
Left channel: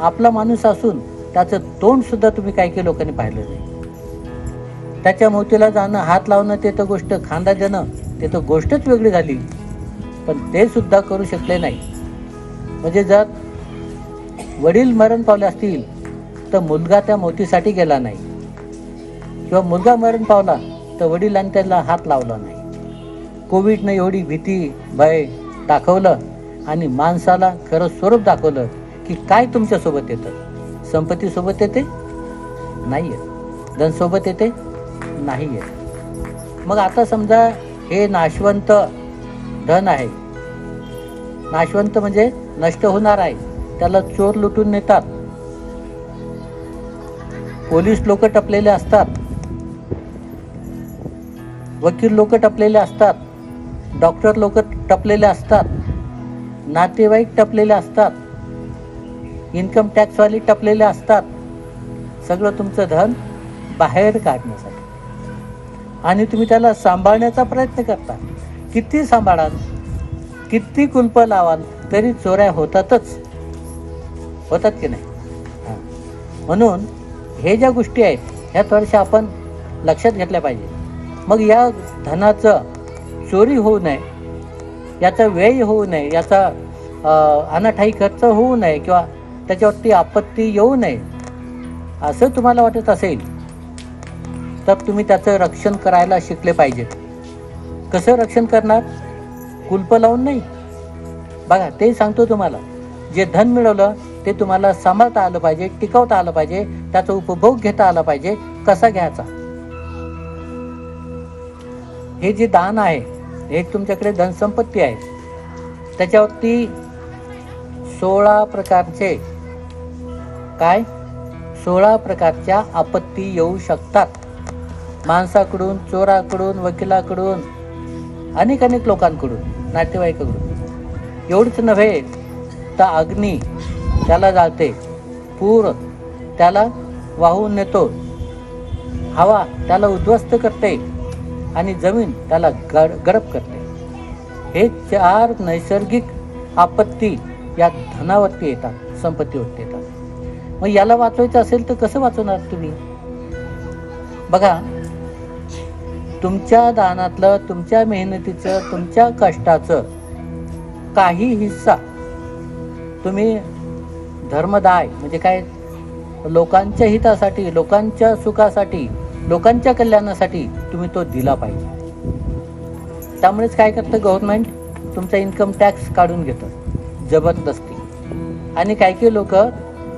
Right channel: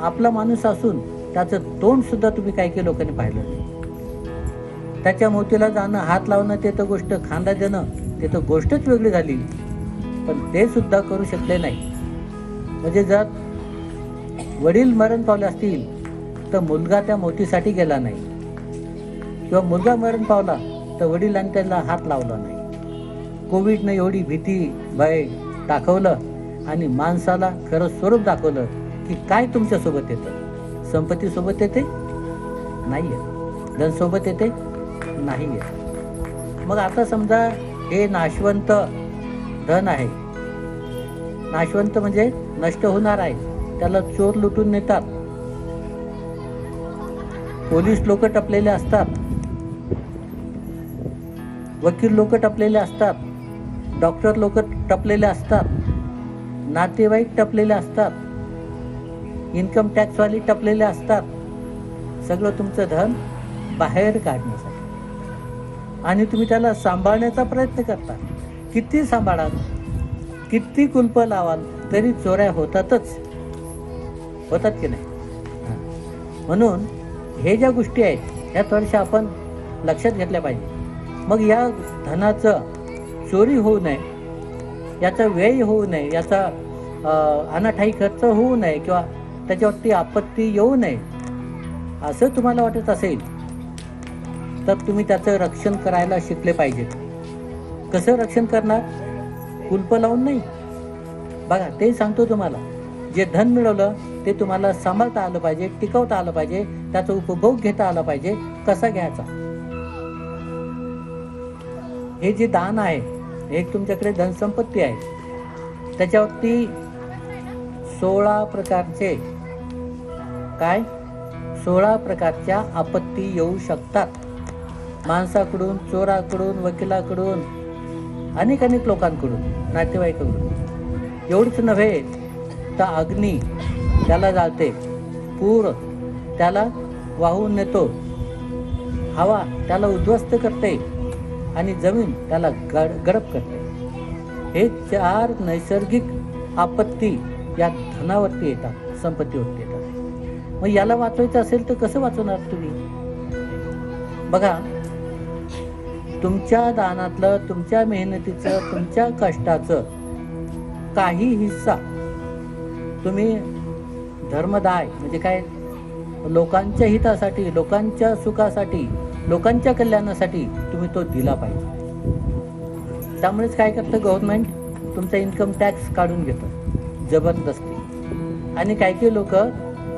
आपला माणूस असून त्याचं तोंड सुद्धा तुम्ही काही लोकांनी पाहिलं नाही. त्याच्या मोतीला जाणं, हात लावणं ते तर गोष्ट, खांदा देणं ते तर गोष्टच वेगळी झाली. पण ते सुद्धा करू शकले नाही. म्हणजे जर वडील मरण पावले असतील तर मुलगा त्या मोतीसाठी गेला नाही, किंवा मुलगा मरण पावला तर वडिलांनी त्याला हात लावला नाही. कोविडनं एवढी भीती भय दाखवलं आणि माणसाला खरं स्वरूप दाखवलं की काय तुमच्यासोबत येतं. संपत्ती सोबत येते नाही येत, धन सोबत येते नाही येत. मग आता समजा हे नाशवंत धन आहे, नाशवंत म्हणजे नष्ट होणार आहे, त्याला चोर लुटून नेतात, पोलीस लोक टपलेले असतात, वकील लोक टपलेले असतात, डॉक्टर लोक टपलेले असतात, नातेवाईक टपलेले असतात, इन्कम टॅक्सवाले टपलेले असतात. सगळं तुमचं धन बाहेर काढण्यासाठी, आणि तुम्ही त्याला सांभाळण्याचा प्रयत्न करता. किती सांभाळाल, किती कुलप लावाल तरी चोऱ्या होतातच, होतात की नाही. म्हणून हे ज्या गोष्टी आहेत ह्या थोड्याशा आपण लक्षात घेतल्या पाहिजे. मग या धनाचं चोरी होऊ नये, याचा व्यय होऊ नये, याचा अनाठाई खर्च होऊ नये, किंवा त्याच्यावरती आपत्ती येऊ नये असं तुम्हाला वाटत असेल तर तुम्ही त्याचं रक्षण करायला शिकले पाहिजेत. कसं रक्षण करणार? कुलप लावून नाही. बघा, ते सांगतो तुम्हाला. जे धन मिळवलं ते तुम्हाला सांभाळता आलं पाहिजे, टिकवता आलं पाहिजे, त्याचा उपभोग घेता आला पाहिजे. कसा घ्यायचा? हे जे दान आहे, एक तुमच्याकडे धनसंपत्ती आहे, त्याच्यावरती 16 प्रकारचे 16 प्रकारच्या आपत्ती येऊ शकतात. माणसाकडून, चोराकडून, वकिलाकडून, अनेक लोकांकडून, नातेवाईकाकडून. एवढंच नव्हे तर अग्नी त्याला जाळते, पूर त्याला वाहून नेतो, हवा त्याला उद्ध्वस्त करते आणि जमीन त्याला गडप करते. हे 4 नैसर्गिक आपत्ती या धनावरती येतात, संपत्तीवरती येतात. मग याला वाचवायचं असेल तर कसं वाचवणार तुम्ही? बघा, तुमच्या दानातलं, तुमच्या मेहनतीचं, तुमच्या कष्टाचं काही हिस्सा तुम्ही धर्मदाय म्हणजे काय, लोकांच्या हितासाठी, लोकांच्या सुखासाठी, लोकांच्या कल्याणासाठी तुम्ही तो दिला पाहिजे. त्यामुळेच काय करतं गव्हर्नमेंट? तुमचा इन्कम टॅक्स काढून घेतं जबरदस्ती. आणि काही लोक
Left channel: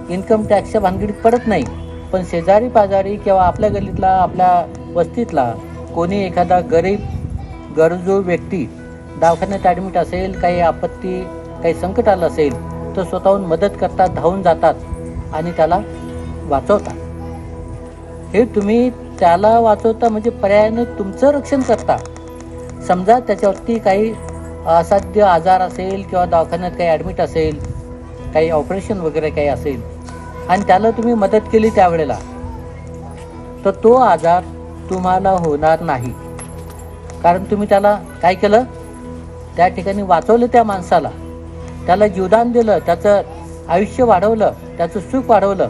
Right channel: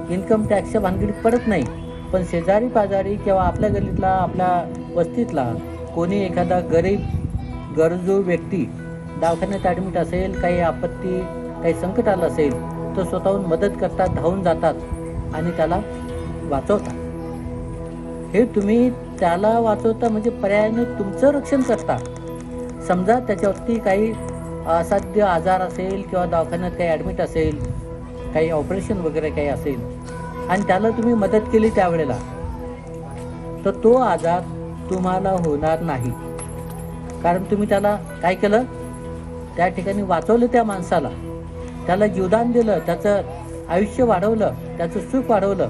इन्कम टॅक्सच्या भानगडीत पडत नाही, पण शेजारी पाजारी किंवा आपल्या गल्लीतला, आपल्या वस्तीतला कोणी एखादा गरीब गरजू व्यक्ती दवाखान्यात ॲडमिट असेल, काही आपत्ती, काही संकट आलं असेल तर स्वतःहून मदत करतात, धावून जातात आणि त्याला वाचवतात. हे तुम्ही त्याला वाचवता म्हणजे पर्यायाने तुमचं रक्षण करता. समजा त्याच्यावरती काही असाध्य आजार असेल किंवा दवाखान्यात काही ॲडमिट असेल, काही ऑपरेशन वगैरे काही असेल आणि त्याला तुम्ही मदत केली त्यावेळेला, तर तो आजार तुम्हाला होणार नाही. कारण तुम्ही त्याला काय केलं? त्या ठिकाणी वाचवलं त्या माणसाला, त्याला जीवदान दिलं, त्याचं आयुष्य वाढवलं, त्याचं सुख वाढवलं.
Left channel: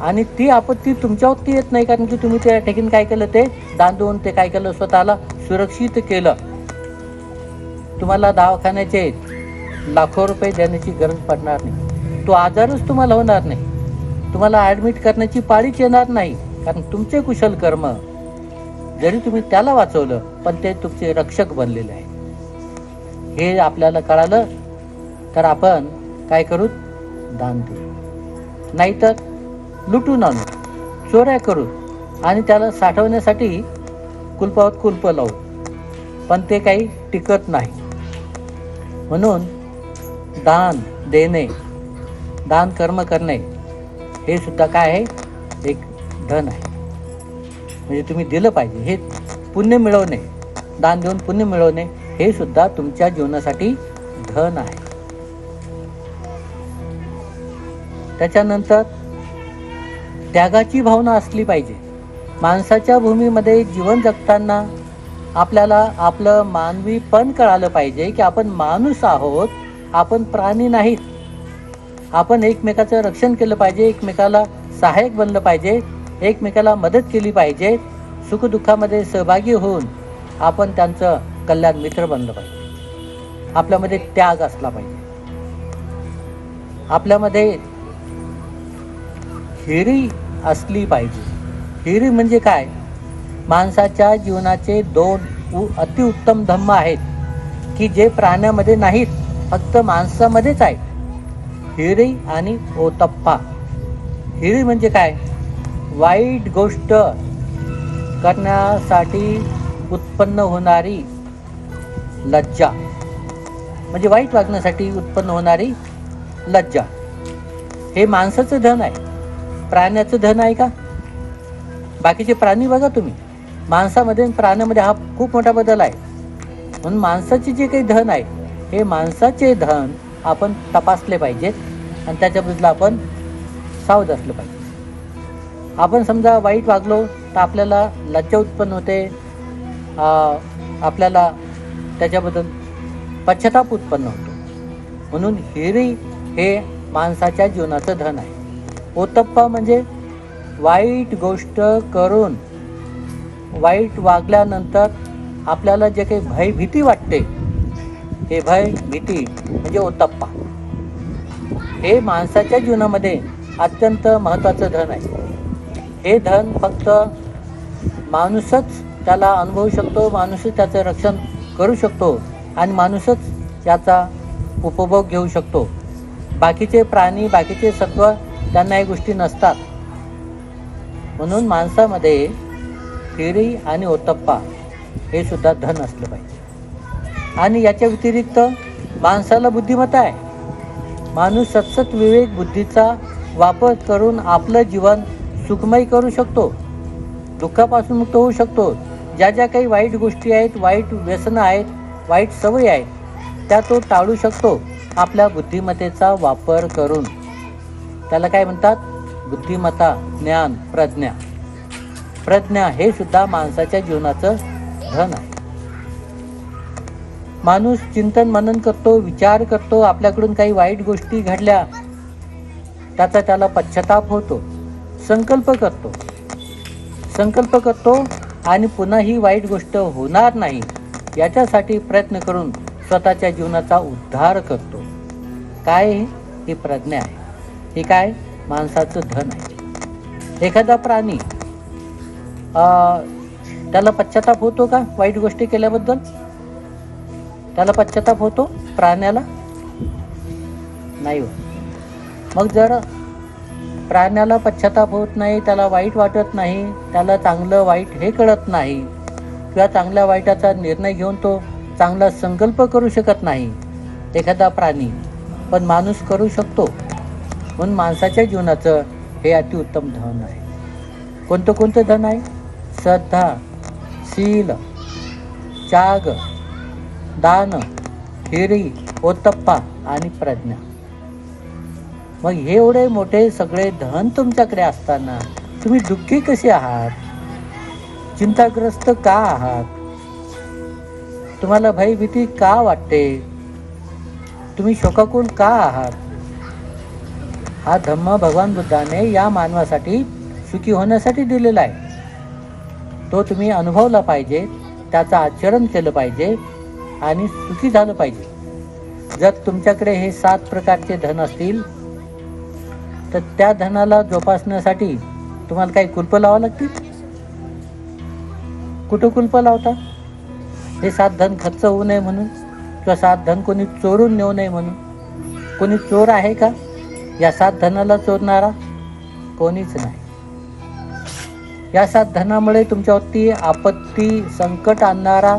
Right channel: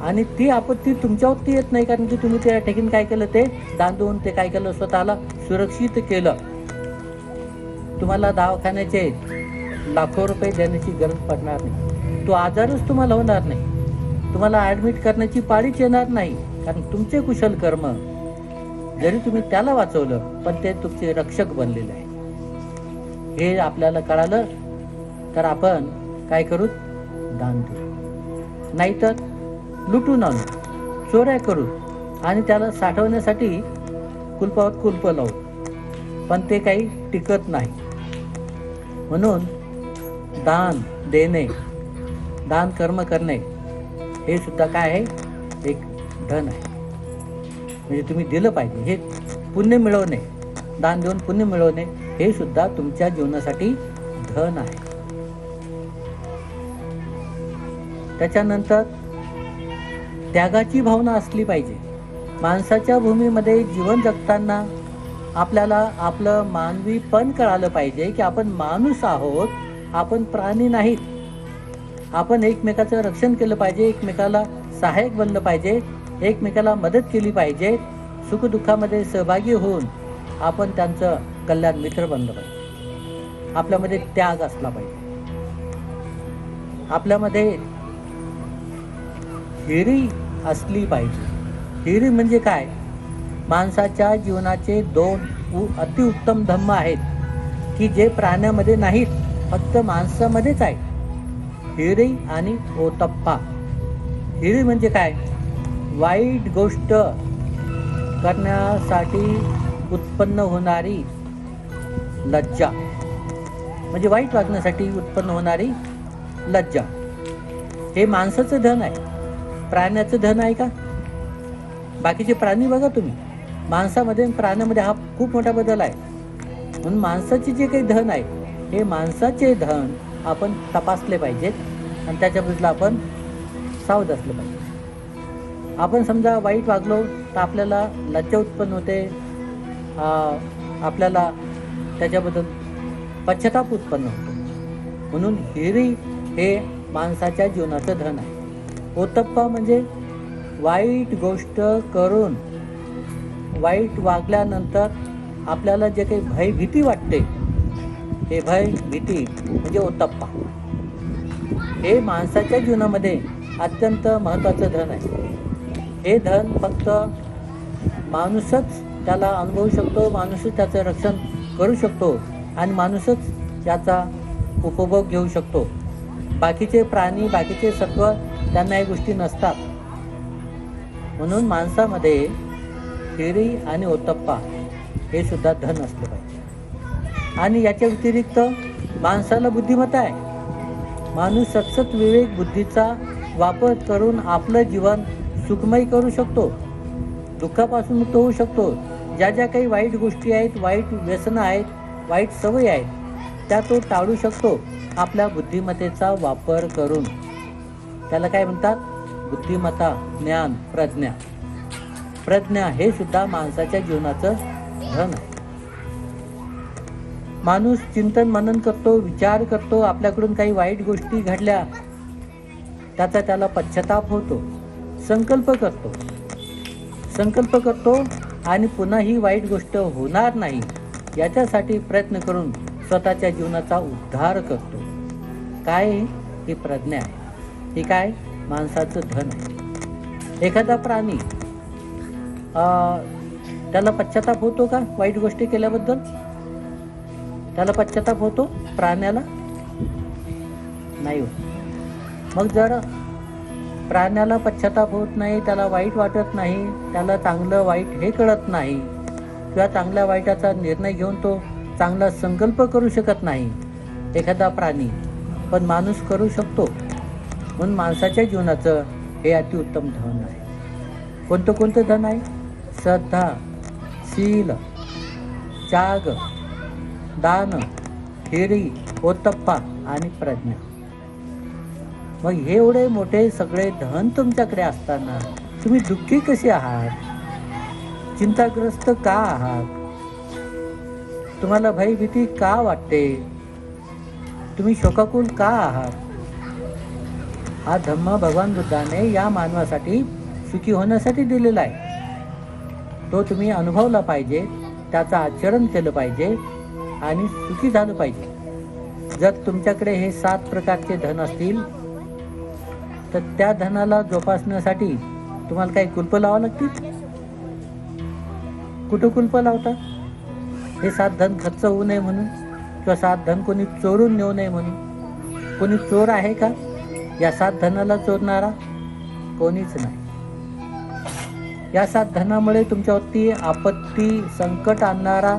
आणि ती आपत्ती तुमच्यावरती येत नाही, कारण की तुम्ही त्या ठिकाणी काय केलं? ते दान देऊन ते काय केलं? स्वतःला सुरक्षित केलं. तुम्हाला दवाखान्याचे लाखो रुपये देण्याची गरज पडणार नाही, तो आजारच तुम्हाला होणार नाही, तुम्हाला ॲडमिट करण्याची पाळीच येणार नाही. कारण तुमचे कुशल कर्म, जरी तुम्ही त्याला वाचवलं पण ते तुमचे रक्षक बनलेले आहे. हे आपल्याला कळालं तर आपण काय करू? दान देऊ. नाहीतर लुटून आणू, चोऱ्या करू आणि त्याला साठवण्यासाठी कुलपावर कुलप लावू, पण ते काही टिकत नाही. म्हणून दान देणे, दान कर्म करणे हे सुद्धा काय आहे? एक धन आहे. म्हणजे तुम्ही दिलं पाहिजे. हे पुण्य मिळवणे, दान देऊन पुण्य मिळवणे हे सुद्धा तुमच्या जीवनासाठी धन आहे. त्याच्यानंतर त्यागाची भावना असली पाहिजे. माणसाच्या भूमीमध्ये जीवन जगताना आपल्याला आपलं मानवीपण कळालं पाहिजे की आपण माणूस आहोत, आपण प्राणी नाहीत. आपण एकमेकाचं रक्षण केलं पाहिजे, एकमेकाला सहाय्यक बनलं पाहिजे, एकमेकाला मदत केली पाहिजे. सुखदुःखामध्ये सहभागी होऊन आपण त्यांचं कल्याण मित्र बनलं पाहिजे. आपल्यामध्ये त्याग असला पाहिजे. आपल्यामध्ये हिरी असली पाहिजे. हिरी म्हणजे काय? माणसाच्या जीवनाचे दोन अतिउत्तम धम्म आहेत की जे प्राण्यामध्ये नाहीत, फक्त माणसामध्येच आहेत. हिरी आणि ओतप्पा. हिरी म्हणजे काय? वाईट गोष्ट करण्यासाठी उत्पन्न होणारी लज्जा, म्हणजे वाईट वागण्यासाठी उत्पन्न होणारी लज्जा. हे माणसाचं धन आहे, प्राण्याचं धन आहे का? बाकीचे प्राणी बघा तुम्ही, माणसामध्ये आणि प्राण्यामध्ये हा खूप मोठा बदल आहे. म्हणून माणसाचे जे काही धन आहे, हे माणसाचे धन आपण तपासले पाहिजेत आणि त्याच्याबद्दल आपण सावध असले पाहिजे. आपण समजा वाईट वागलो तर आपल्याला लज्जा उत्पन्न होते, आपल्याला त्याच्याबद्दल पश्चाताप उत्पन्न होतो. म्हणून हिरी हे माणसाच्या जीवनाचं धन आहे. ओतप्पा म्हणजे वाईट गोष्ट करून वाईट वागल्यानंतर आपल्याला जे काही भय भीती वाटते, हे भय भीती म्हणजे ओतप्पा. हे माणसाच्या जीवनामध्ये अत्यंत महत्त्वाचं धन आहे. हे धन फक्त माणूसच त्याला अनुभवू शकतो, माणूसच त्याचं रक्षण करू शकतो आणि माणूसच याचा उपभोग घेऊ शकतो. बाकीचे प्राणी, बाकीचे सत्व त्यांना या गोष्टी नसतात. म्हणून माणसामध्ये हिरी आणि ओतप्पा हे सुद्धा धन असले पाहिजे. आणि याच्या व्यतिरिक्त माणसाला बुद्धिमत्ता आहे. माणूस सतत विवेक बुद्धीचा वापर करून आपलं जीवन सुखमय करू शकतो, दुःखापासून मुक्त होऊ शकतो. ज्या ज्या काही वाईट गोष्टी आहेत, वाईट व्यसनं आहेत, वाईट सवयी आहेत, त्या तो टाळू शकतो आपल्या बुद्धिमत्तेचा वापर करून. त्याला काय म्हणतात? बुद्धिमत्ता, ज्ञान, प्रज्ञा. प्रज्ञा हे सुद्धा माणसाच्या जीवनाचं धन आहे. माणूस चिंतन मनन करतो, विचार करतो. आपल्याकडून काही वाईट गोष्टी घडल्या, त्याचा त्याला पश्चाताप होतो. संकल्प करतो आणि पुन्हा ही वाईट गोष्ट होणार नाही याच्यासाठी प्रयत्न करून स्वतःच्या जीवनाचा उद्धार करतो. काय? ही प्रज्ञा आहे. हे काय? माणसाचं धन आहे. एखादा प्राणी त्याला पश्चाताप होतो का वाईट गोष्टी केल्याबद्दल? त्याला पश्चाताप होतो प्राण्याला? नाही होत. मग जर प्राण्याला पश्चाताप होत नाही, त्याला वाईट वाटत नाही, त्याला चांगलं वाईट हे कळत नाही किंवा चांगल्या वाईटाचा निर्णय घेऊन तो चांगला संकल्प करू शकत नाही एखादा प्राणी, पण माणूस करू शकतो. म्हणून माणसाच्या जीवनाचं हे अतिउत्तम धन आहे. कोणतं धन आहे? श्रद्धा, शील, त्याग, दान, हिरी, ओतप्पा आणि प्रज्ञा. मग हे एवढे मोठे सगळे धन तुमच्याकडे असताना तुम्ही दुःखी कसे आहात? चिंताग्रस्त का आहात? तुम्हाला भयभीती का वाटते? तुम्ही शोकाकुल का आहात? हा धम्म भगवान बुद्धाने या मानवासाठी सुखी होण्यासाठी दिलेला आहे. तो तुम्ही अनुभवला पाहिजे, त्याचं आचरण केलं पाहिजे आणि सुखी झालं पाहिजे. जर तुमच्याकडे हे 7 प्रकारचे धन असतील तर त्या धनाला जोपासण्यासाठी तुम्हाला काही कुलप लावावं लागतील? कुठं कुलप लावता? हे 7 धन खर्च होऊ नये म्हणून किंवा 7 धन कोणी चोरून नेऊ नये म्हणून. कोणी चोर आहे का या 7 धनाला चोरणारा? कोणीच नाही. या 7 धनामुळे तुमच्यावरती आपत्ती, संकट आणणारा,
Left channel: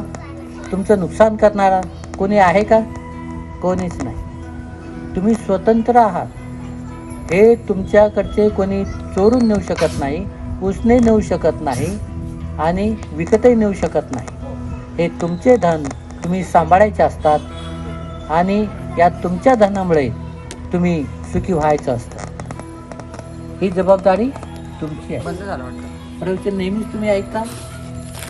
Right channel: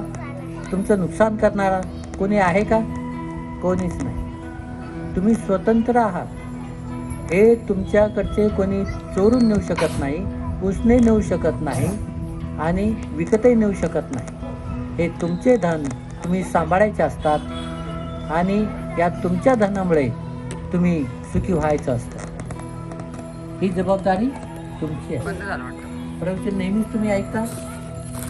तुमचं नुकसान करणारा कोणी आहे का? कोणीच नाही. तुम्ही स्वतंत्र आहात. हे तुमच्याकडचे कोणी चोरून नेऊ शकत नाही, उसने नेऊ शकत नाही आणि विकतही नेऊ शकत नाही. हे तुमचे धन तुम्ही सांभाळायचे असतात आणि या तुमच्या धनामुळे तुम्ही सुखी व्हायचं असतं. ही जबाबदारी तुमची आहे. प्रवचन नेहमीच तुम्ही ऐकता.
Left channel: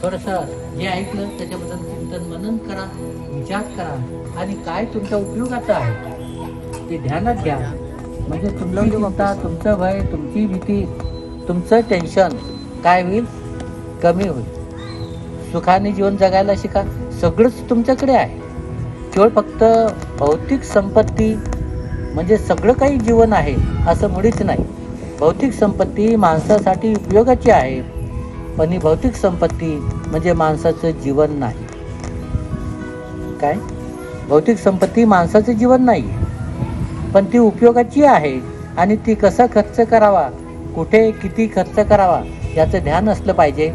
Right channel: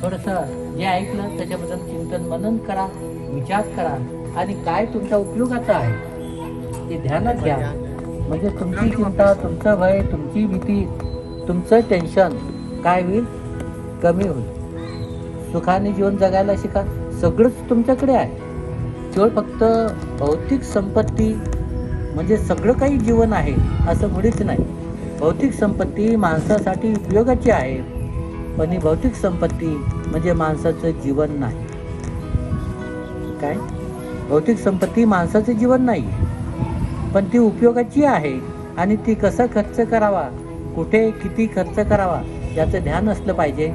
थोडंसं जे ऐकलं त्याच्याबद्दल चिंतन मनन करा, विचार करा आणि काय तुमच्या उपयोगाचं आहे ते ध्यानात घ्या. म्हणजे तुमची चिंता, तुमचं भय, तुमची भीती, तुमचं टेन्शन काय होईल? कमी होईल. सुखाने जीवन जगायला शिका, सगळंच तुमच्याकडे आहे. केवळ फक्त भौतिक संपत्ती म्हणजे सगळं काही जीवन आहे असं मुळीच नाही. भौतिक संपत्ती माणसासाठी उपयोगाची आहे, पण ही भौतिक संपत्ती म्हणजे माणसाचं जीवन नाही. काय? भौतिक संपत्ती माणसाचं जीवन नाही, पण ती उपयोगाची आहे आणि ती कसा खर्च करावा, कुठे किती खर्च करावा याचं ध्यान असलं पाहिजे,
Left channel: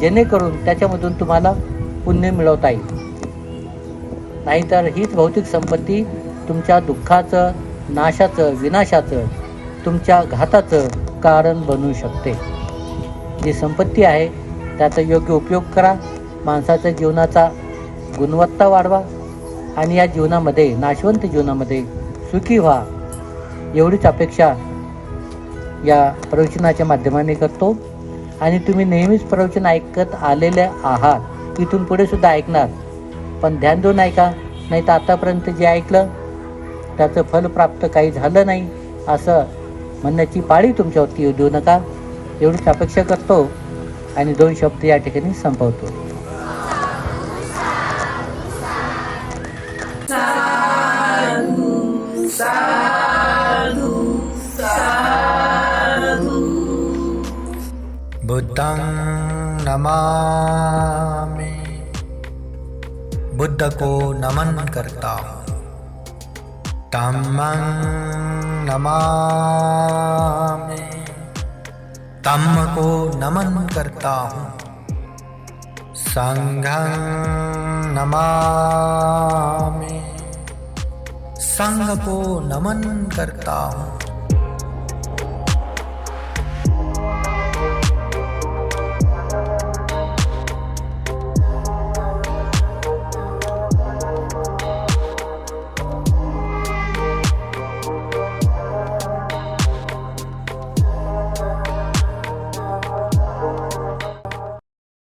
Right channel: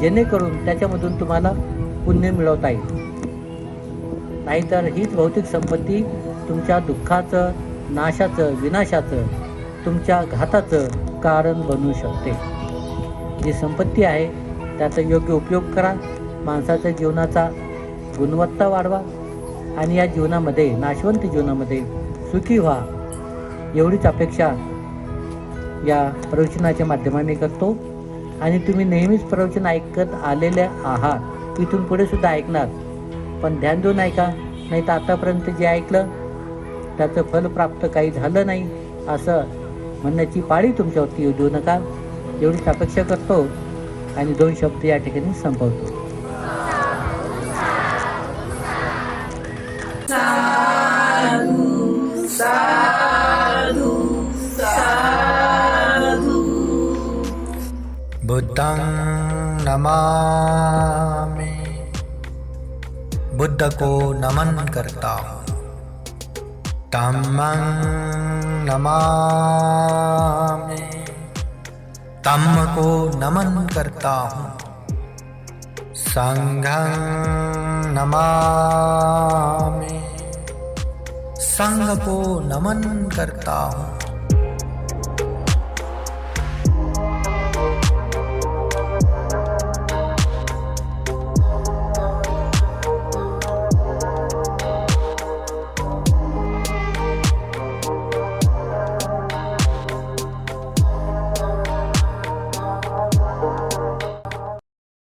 जेणेकरून त्याच्यामधून तुम्हाला पुण्य मिळवता येईल. नाहीतर हीच भौतिक संपत्ती तुमच्या दुःखाचं, नाशाचं, विनाशाचं, तुमच्या घाताचं कारण बनू शकते. जी संपत्ती आहे त्याचा योग्य उपयोग करा, माणसाच्या जीवनाचा गुणवत्ता वाढवा आणि या जीवनामध्ये, नाशवंत जीवनामध्ये सुखी व्हा, एवढीच अपेक्षा या प्रवचनाच्या माध्यमाने करतो. आणि तुम्ही नेहमीच प्रवचन ऐकत आलेले आहात, इथून पुढे सुद्धा ऐकणार, पण ध्यान देऊन ऐका, नाही तर आतापर्यंत जे ऐकलं त्याचं फल प्राप्त काही झालं नाही असं म्हणण्याची पाळी तुमच्यावरती येऊ देऊ नका, एवढीच अपेक्षा करतो आणि 2 शब्द या ठिकाणी संपवतो. साधु साधु साधु. बुद्धं नमामि, बुद्ध को नमन करता हूँ. धम्मं नमामि, धम्म को नमन करता हूँ. संघं नमामि, संघ को नमन करता हूँ.